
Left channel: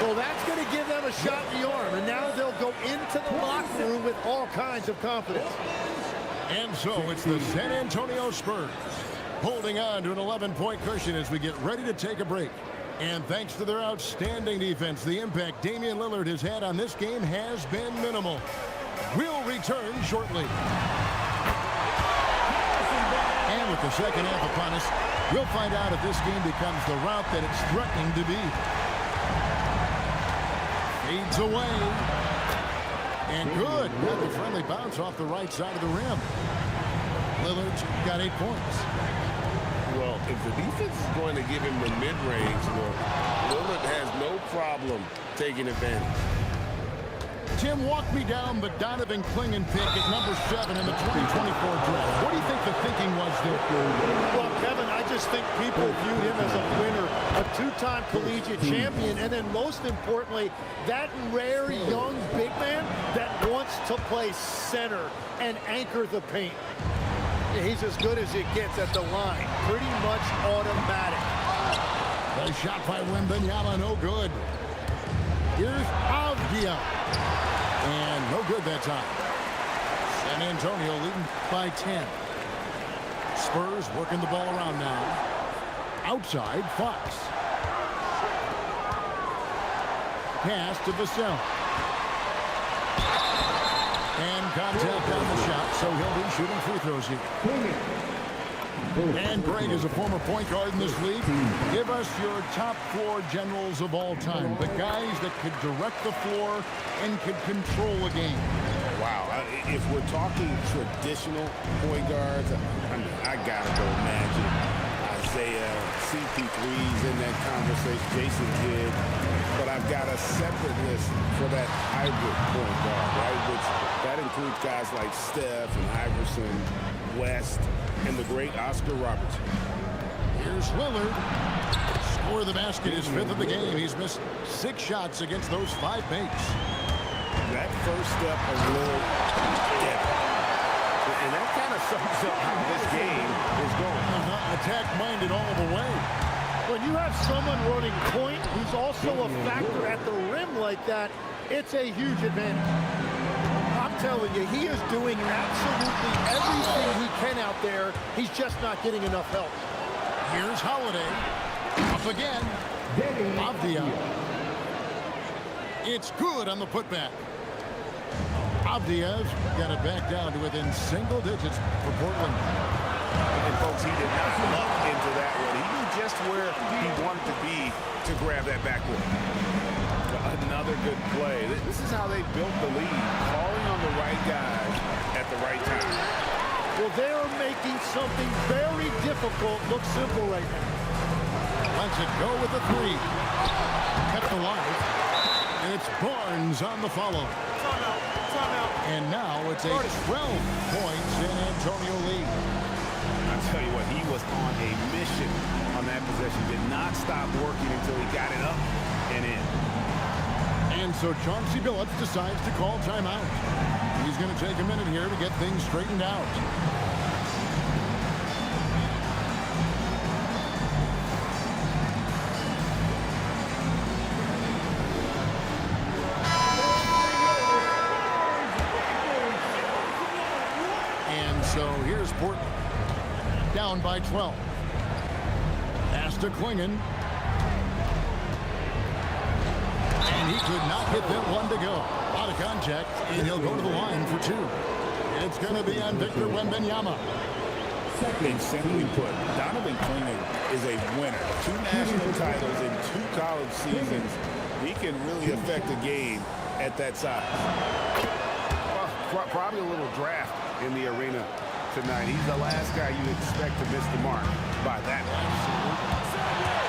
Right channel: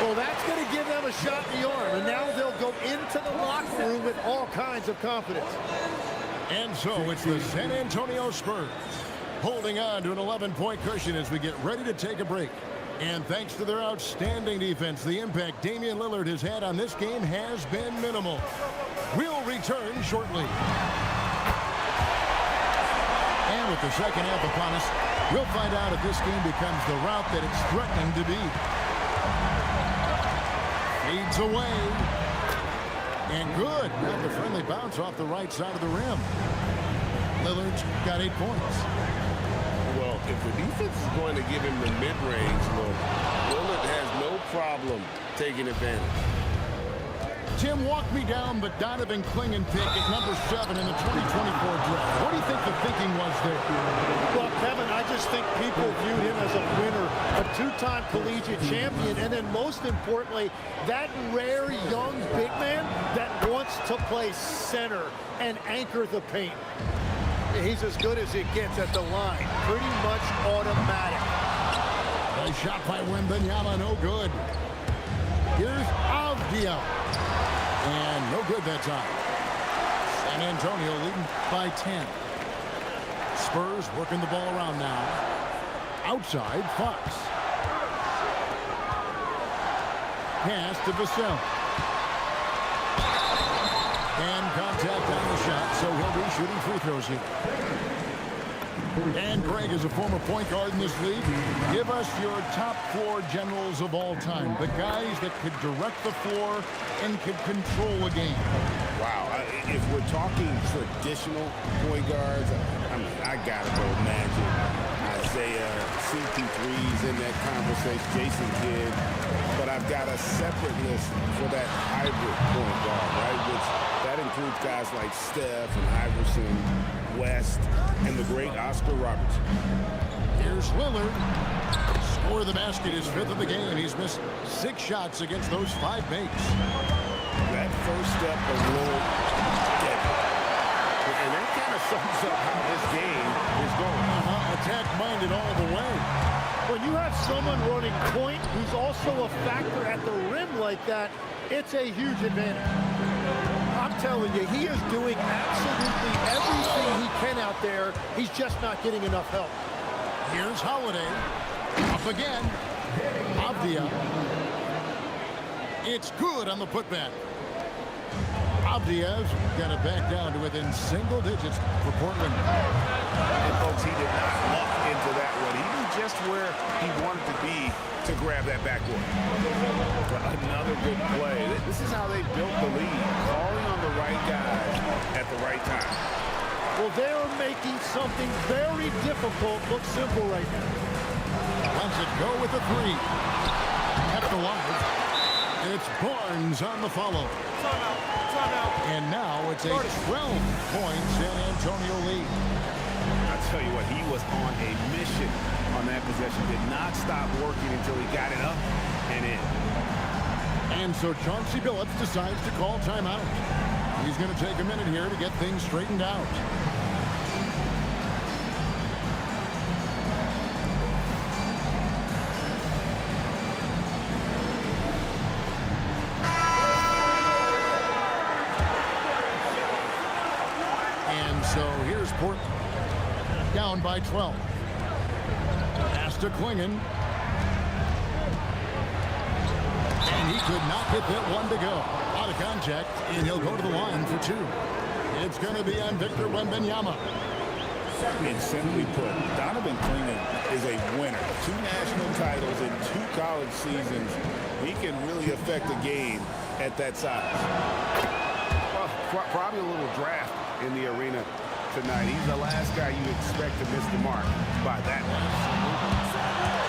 Well, that's going to give them a shot in the arm, and now they'll go into the locker room with all kinds of confidence. And so it's the San Antonio Spurs holding on to an 11-point cushion as we get ready to take a break. And thanks to their outstanding defense, the impact Damian Lillard has had on this game has been minimal. We'll return shortly. And with the second half upon us, we'll find out if this game becomes the route that it's threatening to be. Fades away. And good. Got the friendly bounce off the right side of the rim. Lillard's got 8 points. Well, if the defense is going to give him the mid-range look, Lillard has no problem taking advantage. Tim, walk me down the Donovan Klingon pick at number 7 in the 2024 draft. What do you think the thinking was there? Well, Kevin, I just think people viewed him as a winner, a two-time collegiate champion, and then most importantly, that rare young big man that wants to play center and anchor the paint. He's as good as it gets at the line. Pretty much automatic. Nice shot by Wembanyama, no good. Here's Avdia. And no good that time. San Antonio leading by 10. Spurs working the ball around now. Outside, Fox. Pass to Vassell. And contact on the shot, so he'll be shooting free throws here. And Greg is a former point guard in this league. Give us your top floor generals of all time. The guys that could direct the floor and could control a game. Wow. If we're talking traditional point guards, I mean, I got to go Magic. Isaiah, CP3's in that conversation, Jason Kidd. But I've got a separate list for that hybrid point guard, right? Which that includes guys like Steph and Iverson, West, and the great Oscar Robertson. Here's Lillard. Score the basket, his 5th of the game. He's missed 6 shots against those 5 mates. That first step of Lillard, deadly. And that kind of sums up how this game is going. Attack-minded all the way. When you have someone running point who's also a factor at the rim like that, it's a huge advantage. I'm telling you, he is doing absolutely everything he can out there. He's just not getting enough help. Here's Holiday. Up again. Avdia. It's good on the putback. Avdia's got it back down to within single digits for Portland. And folks, he did not luck into that one. He knew just where he wanted to be to grab that backboard. Another good play. This is how they built the lead, calling on the right guys at the right time. Well, they're making something very difficult look simple right now. Lets it go with a 3. Kept alive. And it's Barnes on the follow. Timeout. And now it's a 12-point San Antonio lead. I tell you what, he was on a mission on that possession. Did not stop working until he got it up and in. And so Chauncey Billups decides to call timeout. He's going to take a minute here to get things straightened out. And so here's Portland, down by 12. Pass to Klingon. And he could not get that one to go. Out of contact, and he'll go to the line for two. It's going to be on Victor Wembanyama. And simply put, Donovan Klingon is a winner. 2 national titles in 2 college seasons. He can really affect a game at that size. Well, probably a little draft in the arena tonight. He's the last guy you expect to miss the mark by that much. Absolutely.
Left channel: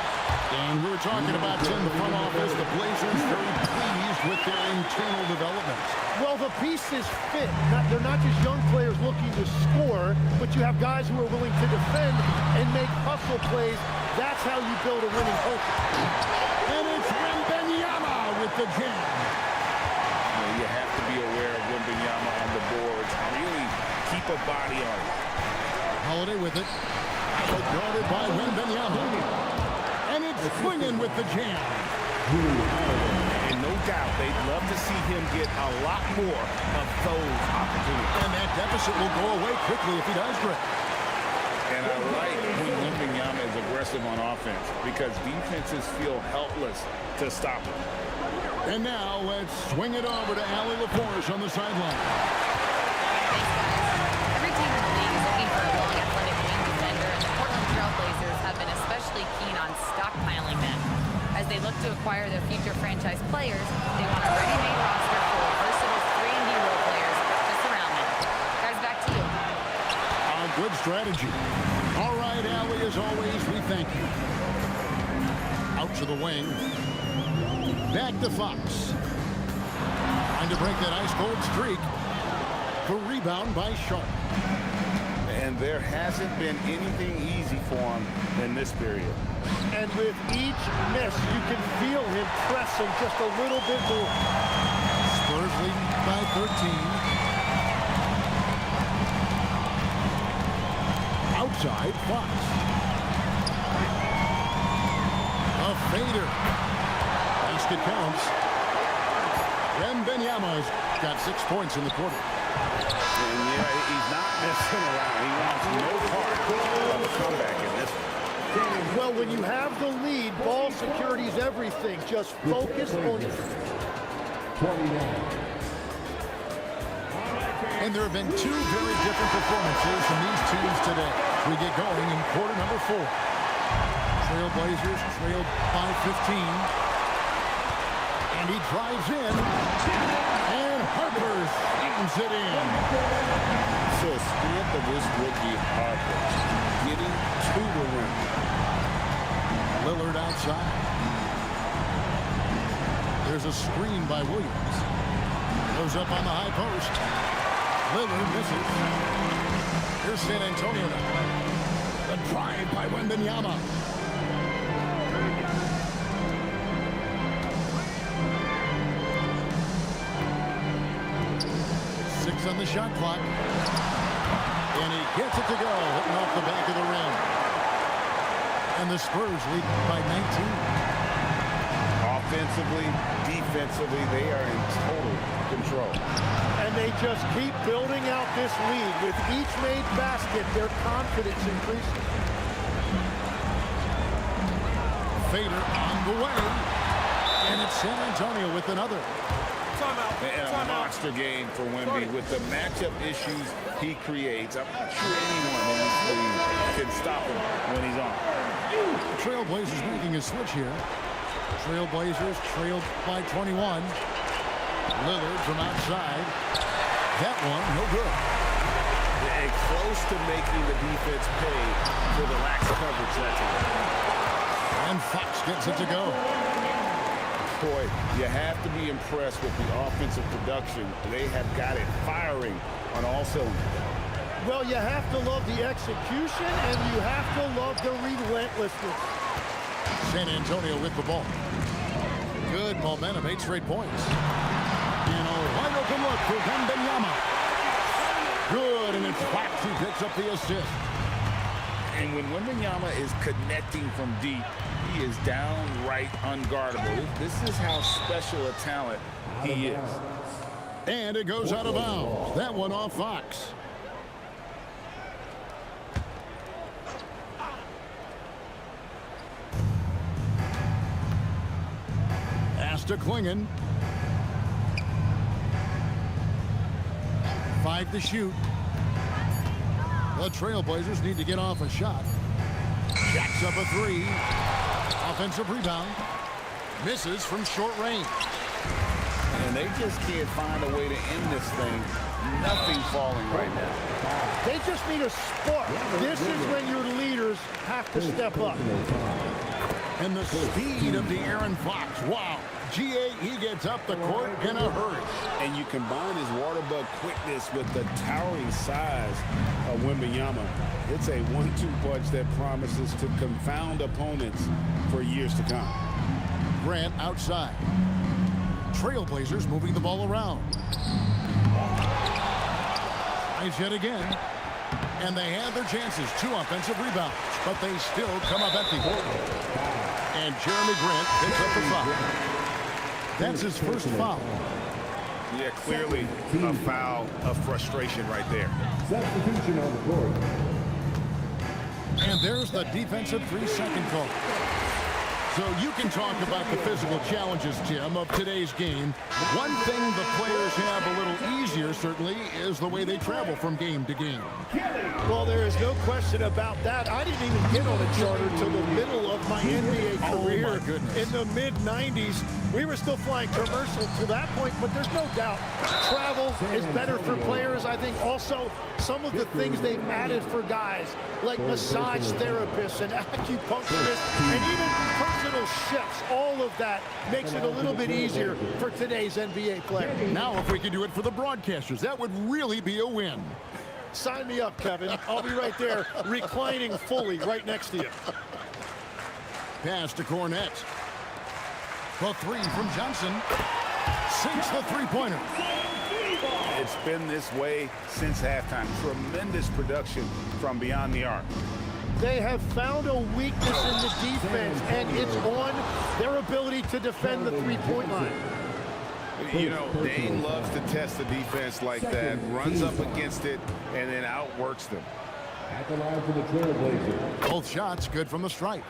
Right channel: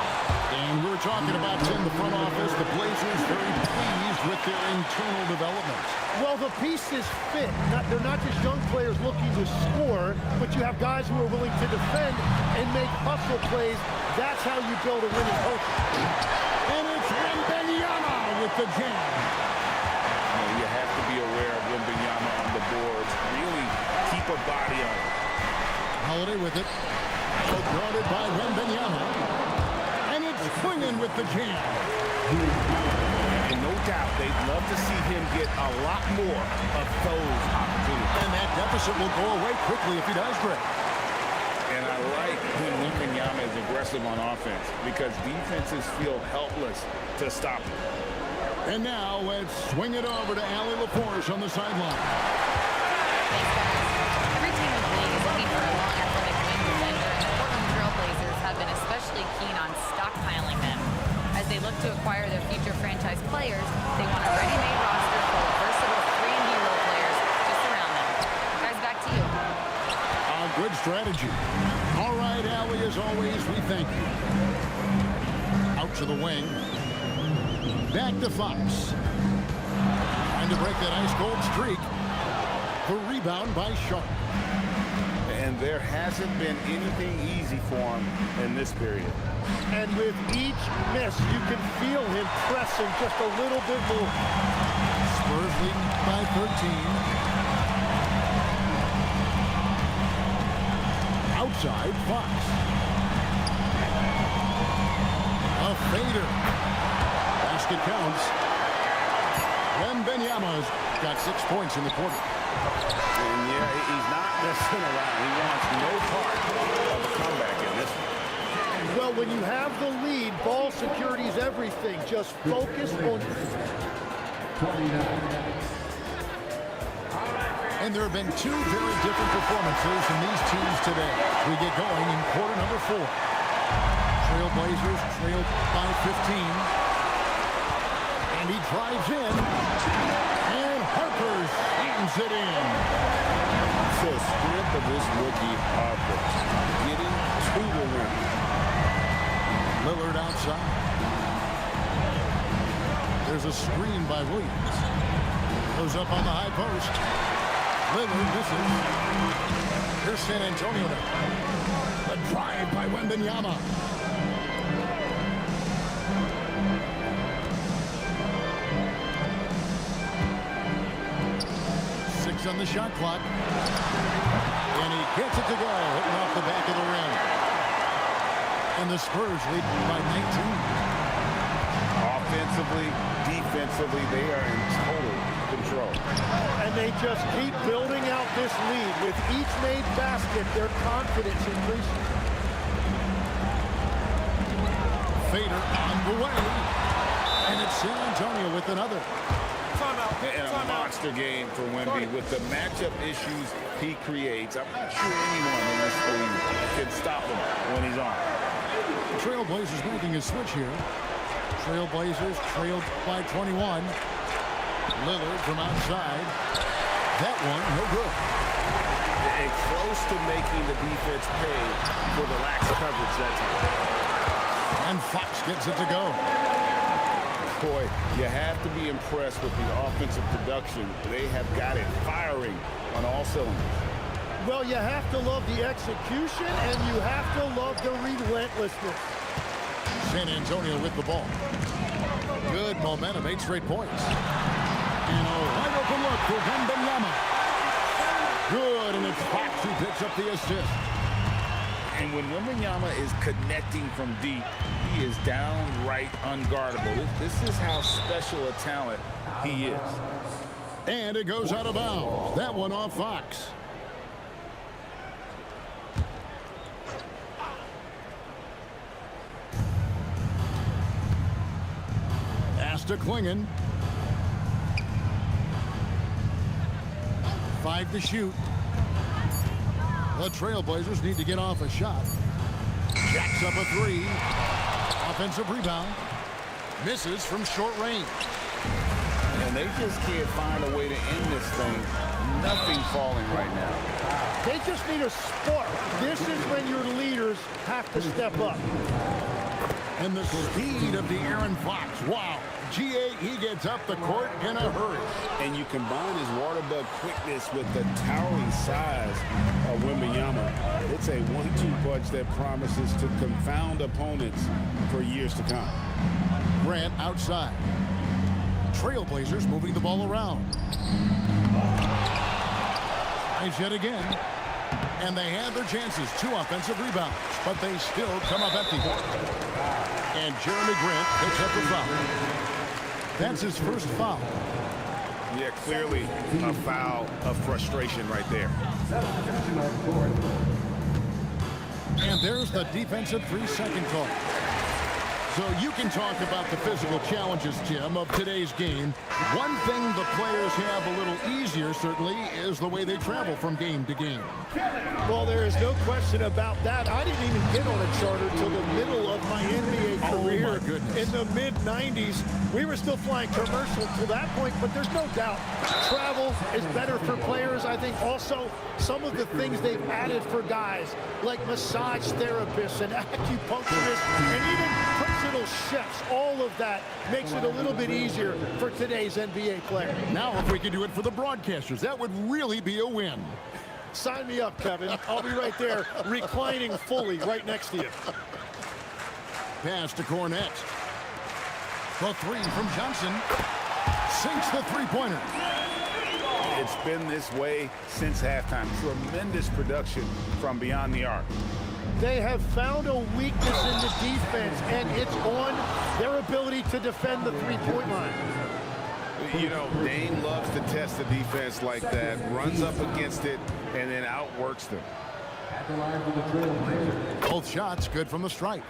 And we're talking about in the front office, the Blazers very pleased with their internal development. Well, the pieces fit. They're not just young players looking to score, but you have guys who are willing to defend and make hustle plays. That's how you build a winning culture. And it's Wembanyama with the jam. You have to be aware of Wembanyama on the boards. Really keep a body on it. Holiday with it. Guarded by Wembanyama. And it's Klingon with the jam. And no doubt, they'd love to see him get a lot more of those opportunities. And that deficit will go away quickly if he does, Greg. And I like when Wembanyama is aggressive on offense because defenses feel helpless to stop him. And now let's swing it over to Allie LaForce on the sideline. Thanks, guys. Every team in the league is looking for a long, athletic wing defender, and the Portland Trail Blazers have been especially keen on stockpiling them. As they look to acquire their future franchise players, they want a ready-made roster full of versatile 3-and-D role players to surround them. Guys, back to you. Good strategy. All right, Allie, as always, we thank you. Out to the wing. Back to Fox. Trying to break that ice-cold streak. The rebound by Sharp. And there hasn't been anything easy for him in this period. And with each miss, you can feel him pressing just a little bit more. Spurs leading by 13. Outside, Fox. A fader. Basket counts. Wembanyama's got 6 points in the quarter. And yeah, he's not messing around. He wants no part of a comeback in this one. Well, when you have the lead, ball security is everything. Just focus on... 29. And there have been 2 very different performances from these teams today. As we get going in quarter number 4. Trailblazers trailed by 15. And he drives in. And Harper slams it in. The strength of this rookie, Harper, getting to the rim. Lillard outside. There's a screen by Williams. Goes up on the high post. Lillard misses. Here's San Antonio now. The drive by Wembanyama. Six on the shot clock. And he gets it to go, hitting off the back of the rim. And the Spurs lead by 19. Offensively, defensively, they are in total control. And they just keep building out this lead. With each made basket, their confidence increases. Fader on the way. And it's San Antonio with another. And a monster game for Wemby with the matchup issues he creates. I'm not sure anyone in this league can stop him when he's on. Trailblazers making a switch here. Trailblazers trailed by 21. Lillard from outside. That one, no good. And close to making the defense pay for the lax coverage that time. And Fox gets it to go. Boy, you have to be impressed with the offensive production. They have got it firing on all cylinders. Well, you have to love the execution, and you have to love the relentlessness. San Antonio with the ball. Good momentum, 8 straight points. And a wide open look for Wembanyama. Good, and it's Fox who picks up the assist. And when Wembanyama is connecting from deep, he is downright unguardable. This is how special a talent he is. And it goes out of bounds. That one off Fox. Pass to Klingon. 5 to shoot. The Trailblazers need to get off a shot. Jacks up a 3. Offensive rebound. Misses from short range. And they just can't find a way to end this thing. Nothing falling right now. They just need a spark. This is when your leaders have to step up. And the speed of the Aaron Fox. Wow. GA, he gets up the court in a hurry. And you combine his water bug quickness with the towering size of Wembanyama. It's a 1-2 punch that promises to confound opponents for years to come. Grant outside. Trailblazers moving the ball around. Tries yet again. And they had their chances. 2 offensive rebounds. But they still come up empty. And Jeremy Grant picks up the foul. That's his first foul. Yeah, clearly a foul of frustration right there. Substitution on the court. And there's the defensive 3-second call. So you can talk about the physical challenges, Tim, of today's game. One thing the players have a little easier, certainly, is the way they travel from game to game. Well, there is no question about that. I didn't even get on a charter till the middle of my NBA career. Oh, my goodness. In the mid-90s. We were still flying commercial to that point, but there's no doubt travel is better for players. I think also some of the things they've added for guys like massage therapists and acupuncturists and even personal chefs, all of that makes it a little bit easier for today's NBA player. Now, if we could do it for the broadcasters, that would really be a win. Sign me up, Kevin. I'll be right there reclining fully right next to you. Pass to Cornette. The 3 from Johnson. Sinks the 3-pointer. It's been this way since halftime. Tremendous production from beyond the arc. They have found a weakness in the defense, and it's on their ability to defend the 3-point line. You know, Dane loves to test the defense like that, runs up against it, and then outworks them. At the line for the Trailblazers. Both shots good from the stripe.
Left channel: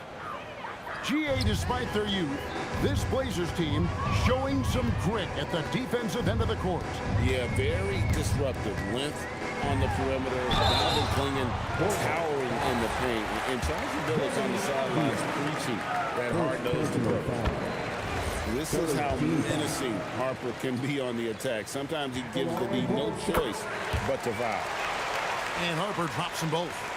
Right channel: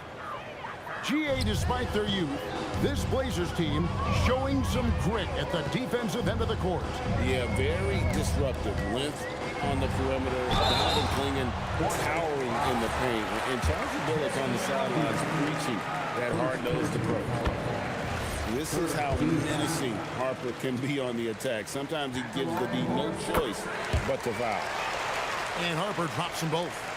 GA, despite their youth, this Blazers team showing some grit at the defensive end of the court. Yeah, very disruptive. Length on the perimeter. Donovan Klingon towering in the paint. And Charles Billups on the sidelines preaching that hard-nosed approach. This is how menacing Harper can be on the attack. Sometimes he gives the D no choice but to foul. And Harper drops them both.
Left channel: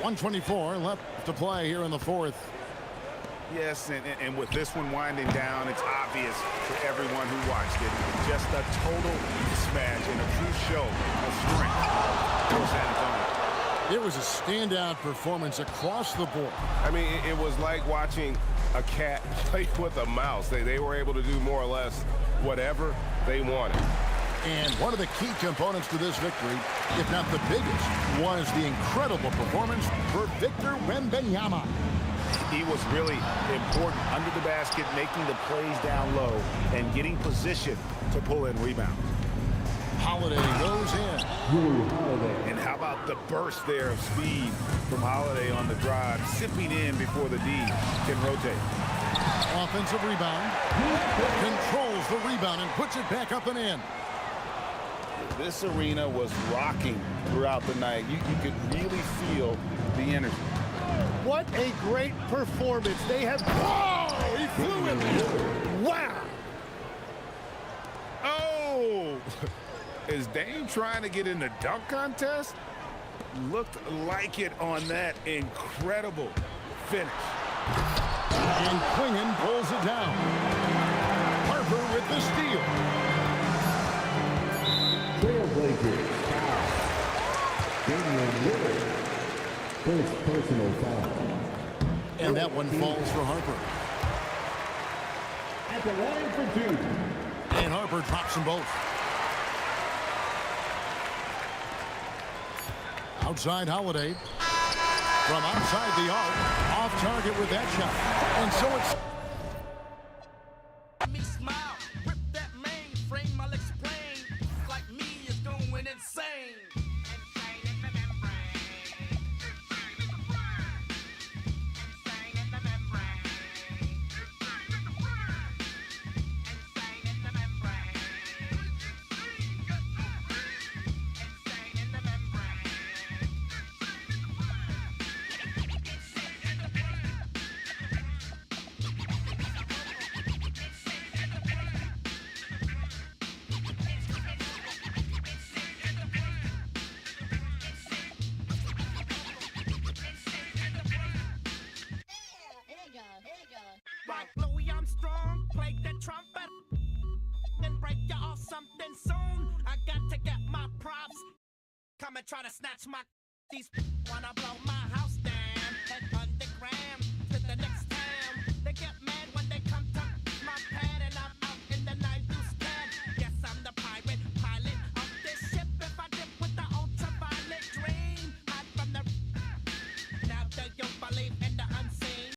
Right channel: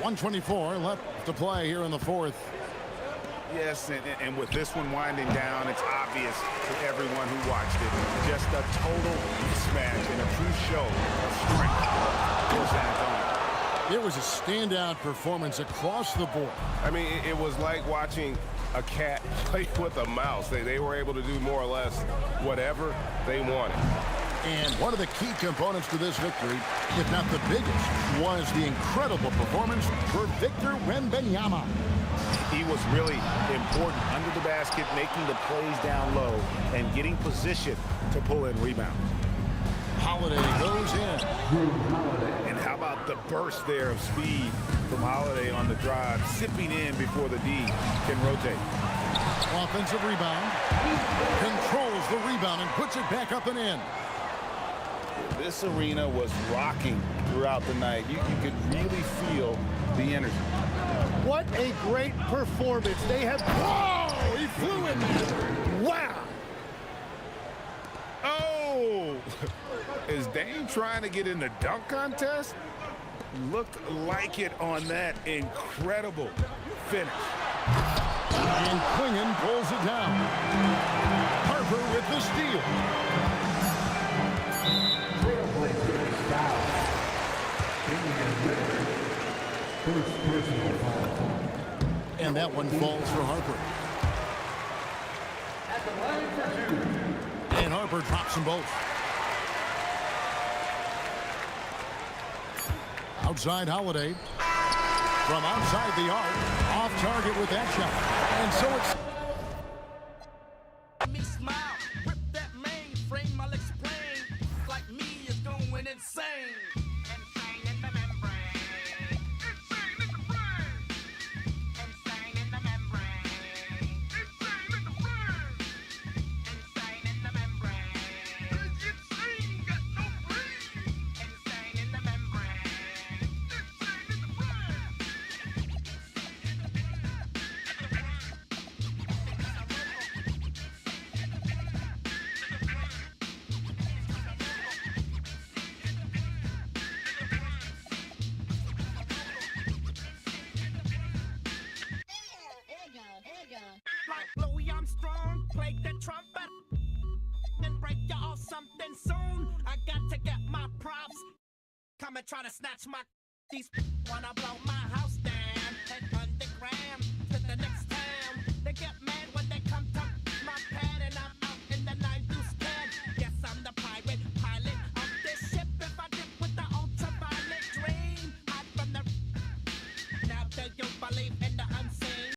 1:24 left to play here in the fourth. Yes, and with this one winding down, it's obvious to everyone who watched it. Just a total mismatch and a true show of strength for San Antonio. It was a standout performance across the board. I mean, it was like watching a cat play with a mouse. They were able to do more or less whatever they wanted. And one of the key components to this victory, if not the biggest, was the incredible performance for Victor Wembanyama. He was really important under the basket, making the plays down low and getting position to pull in rebounds. Holiday goes in. And how about the burst there of speed from Holiday on the drive, sipping in before the D can rotate. Offensive rebound. Controls the rebound and puts it back up and in. This arena was rocking throughout the night. You could really feel the energy. What a great performance. They have... Whoa! He flew in there. Wow! Oh! Is Dame trying to get in the dunk contest? Looked like it on that incredible finish. And Klingon pulls it down. Harper with the steal. First personal foul. And that one falls for Harper. At the line for two. And Harper drops them both. Outside Holiday. From outside the arc. Off target with that shot. And so it's... Me smile, rip that mainframe, I'll explain. Like me is going insane. Like Louis Armstrong, play the trumpet, then break you off something soon. I got to get my props. Come and try to snatch my these wanna blow my house down. Head underground.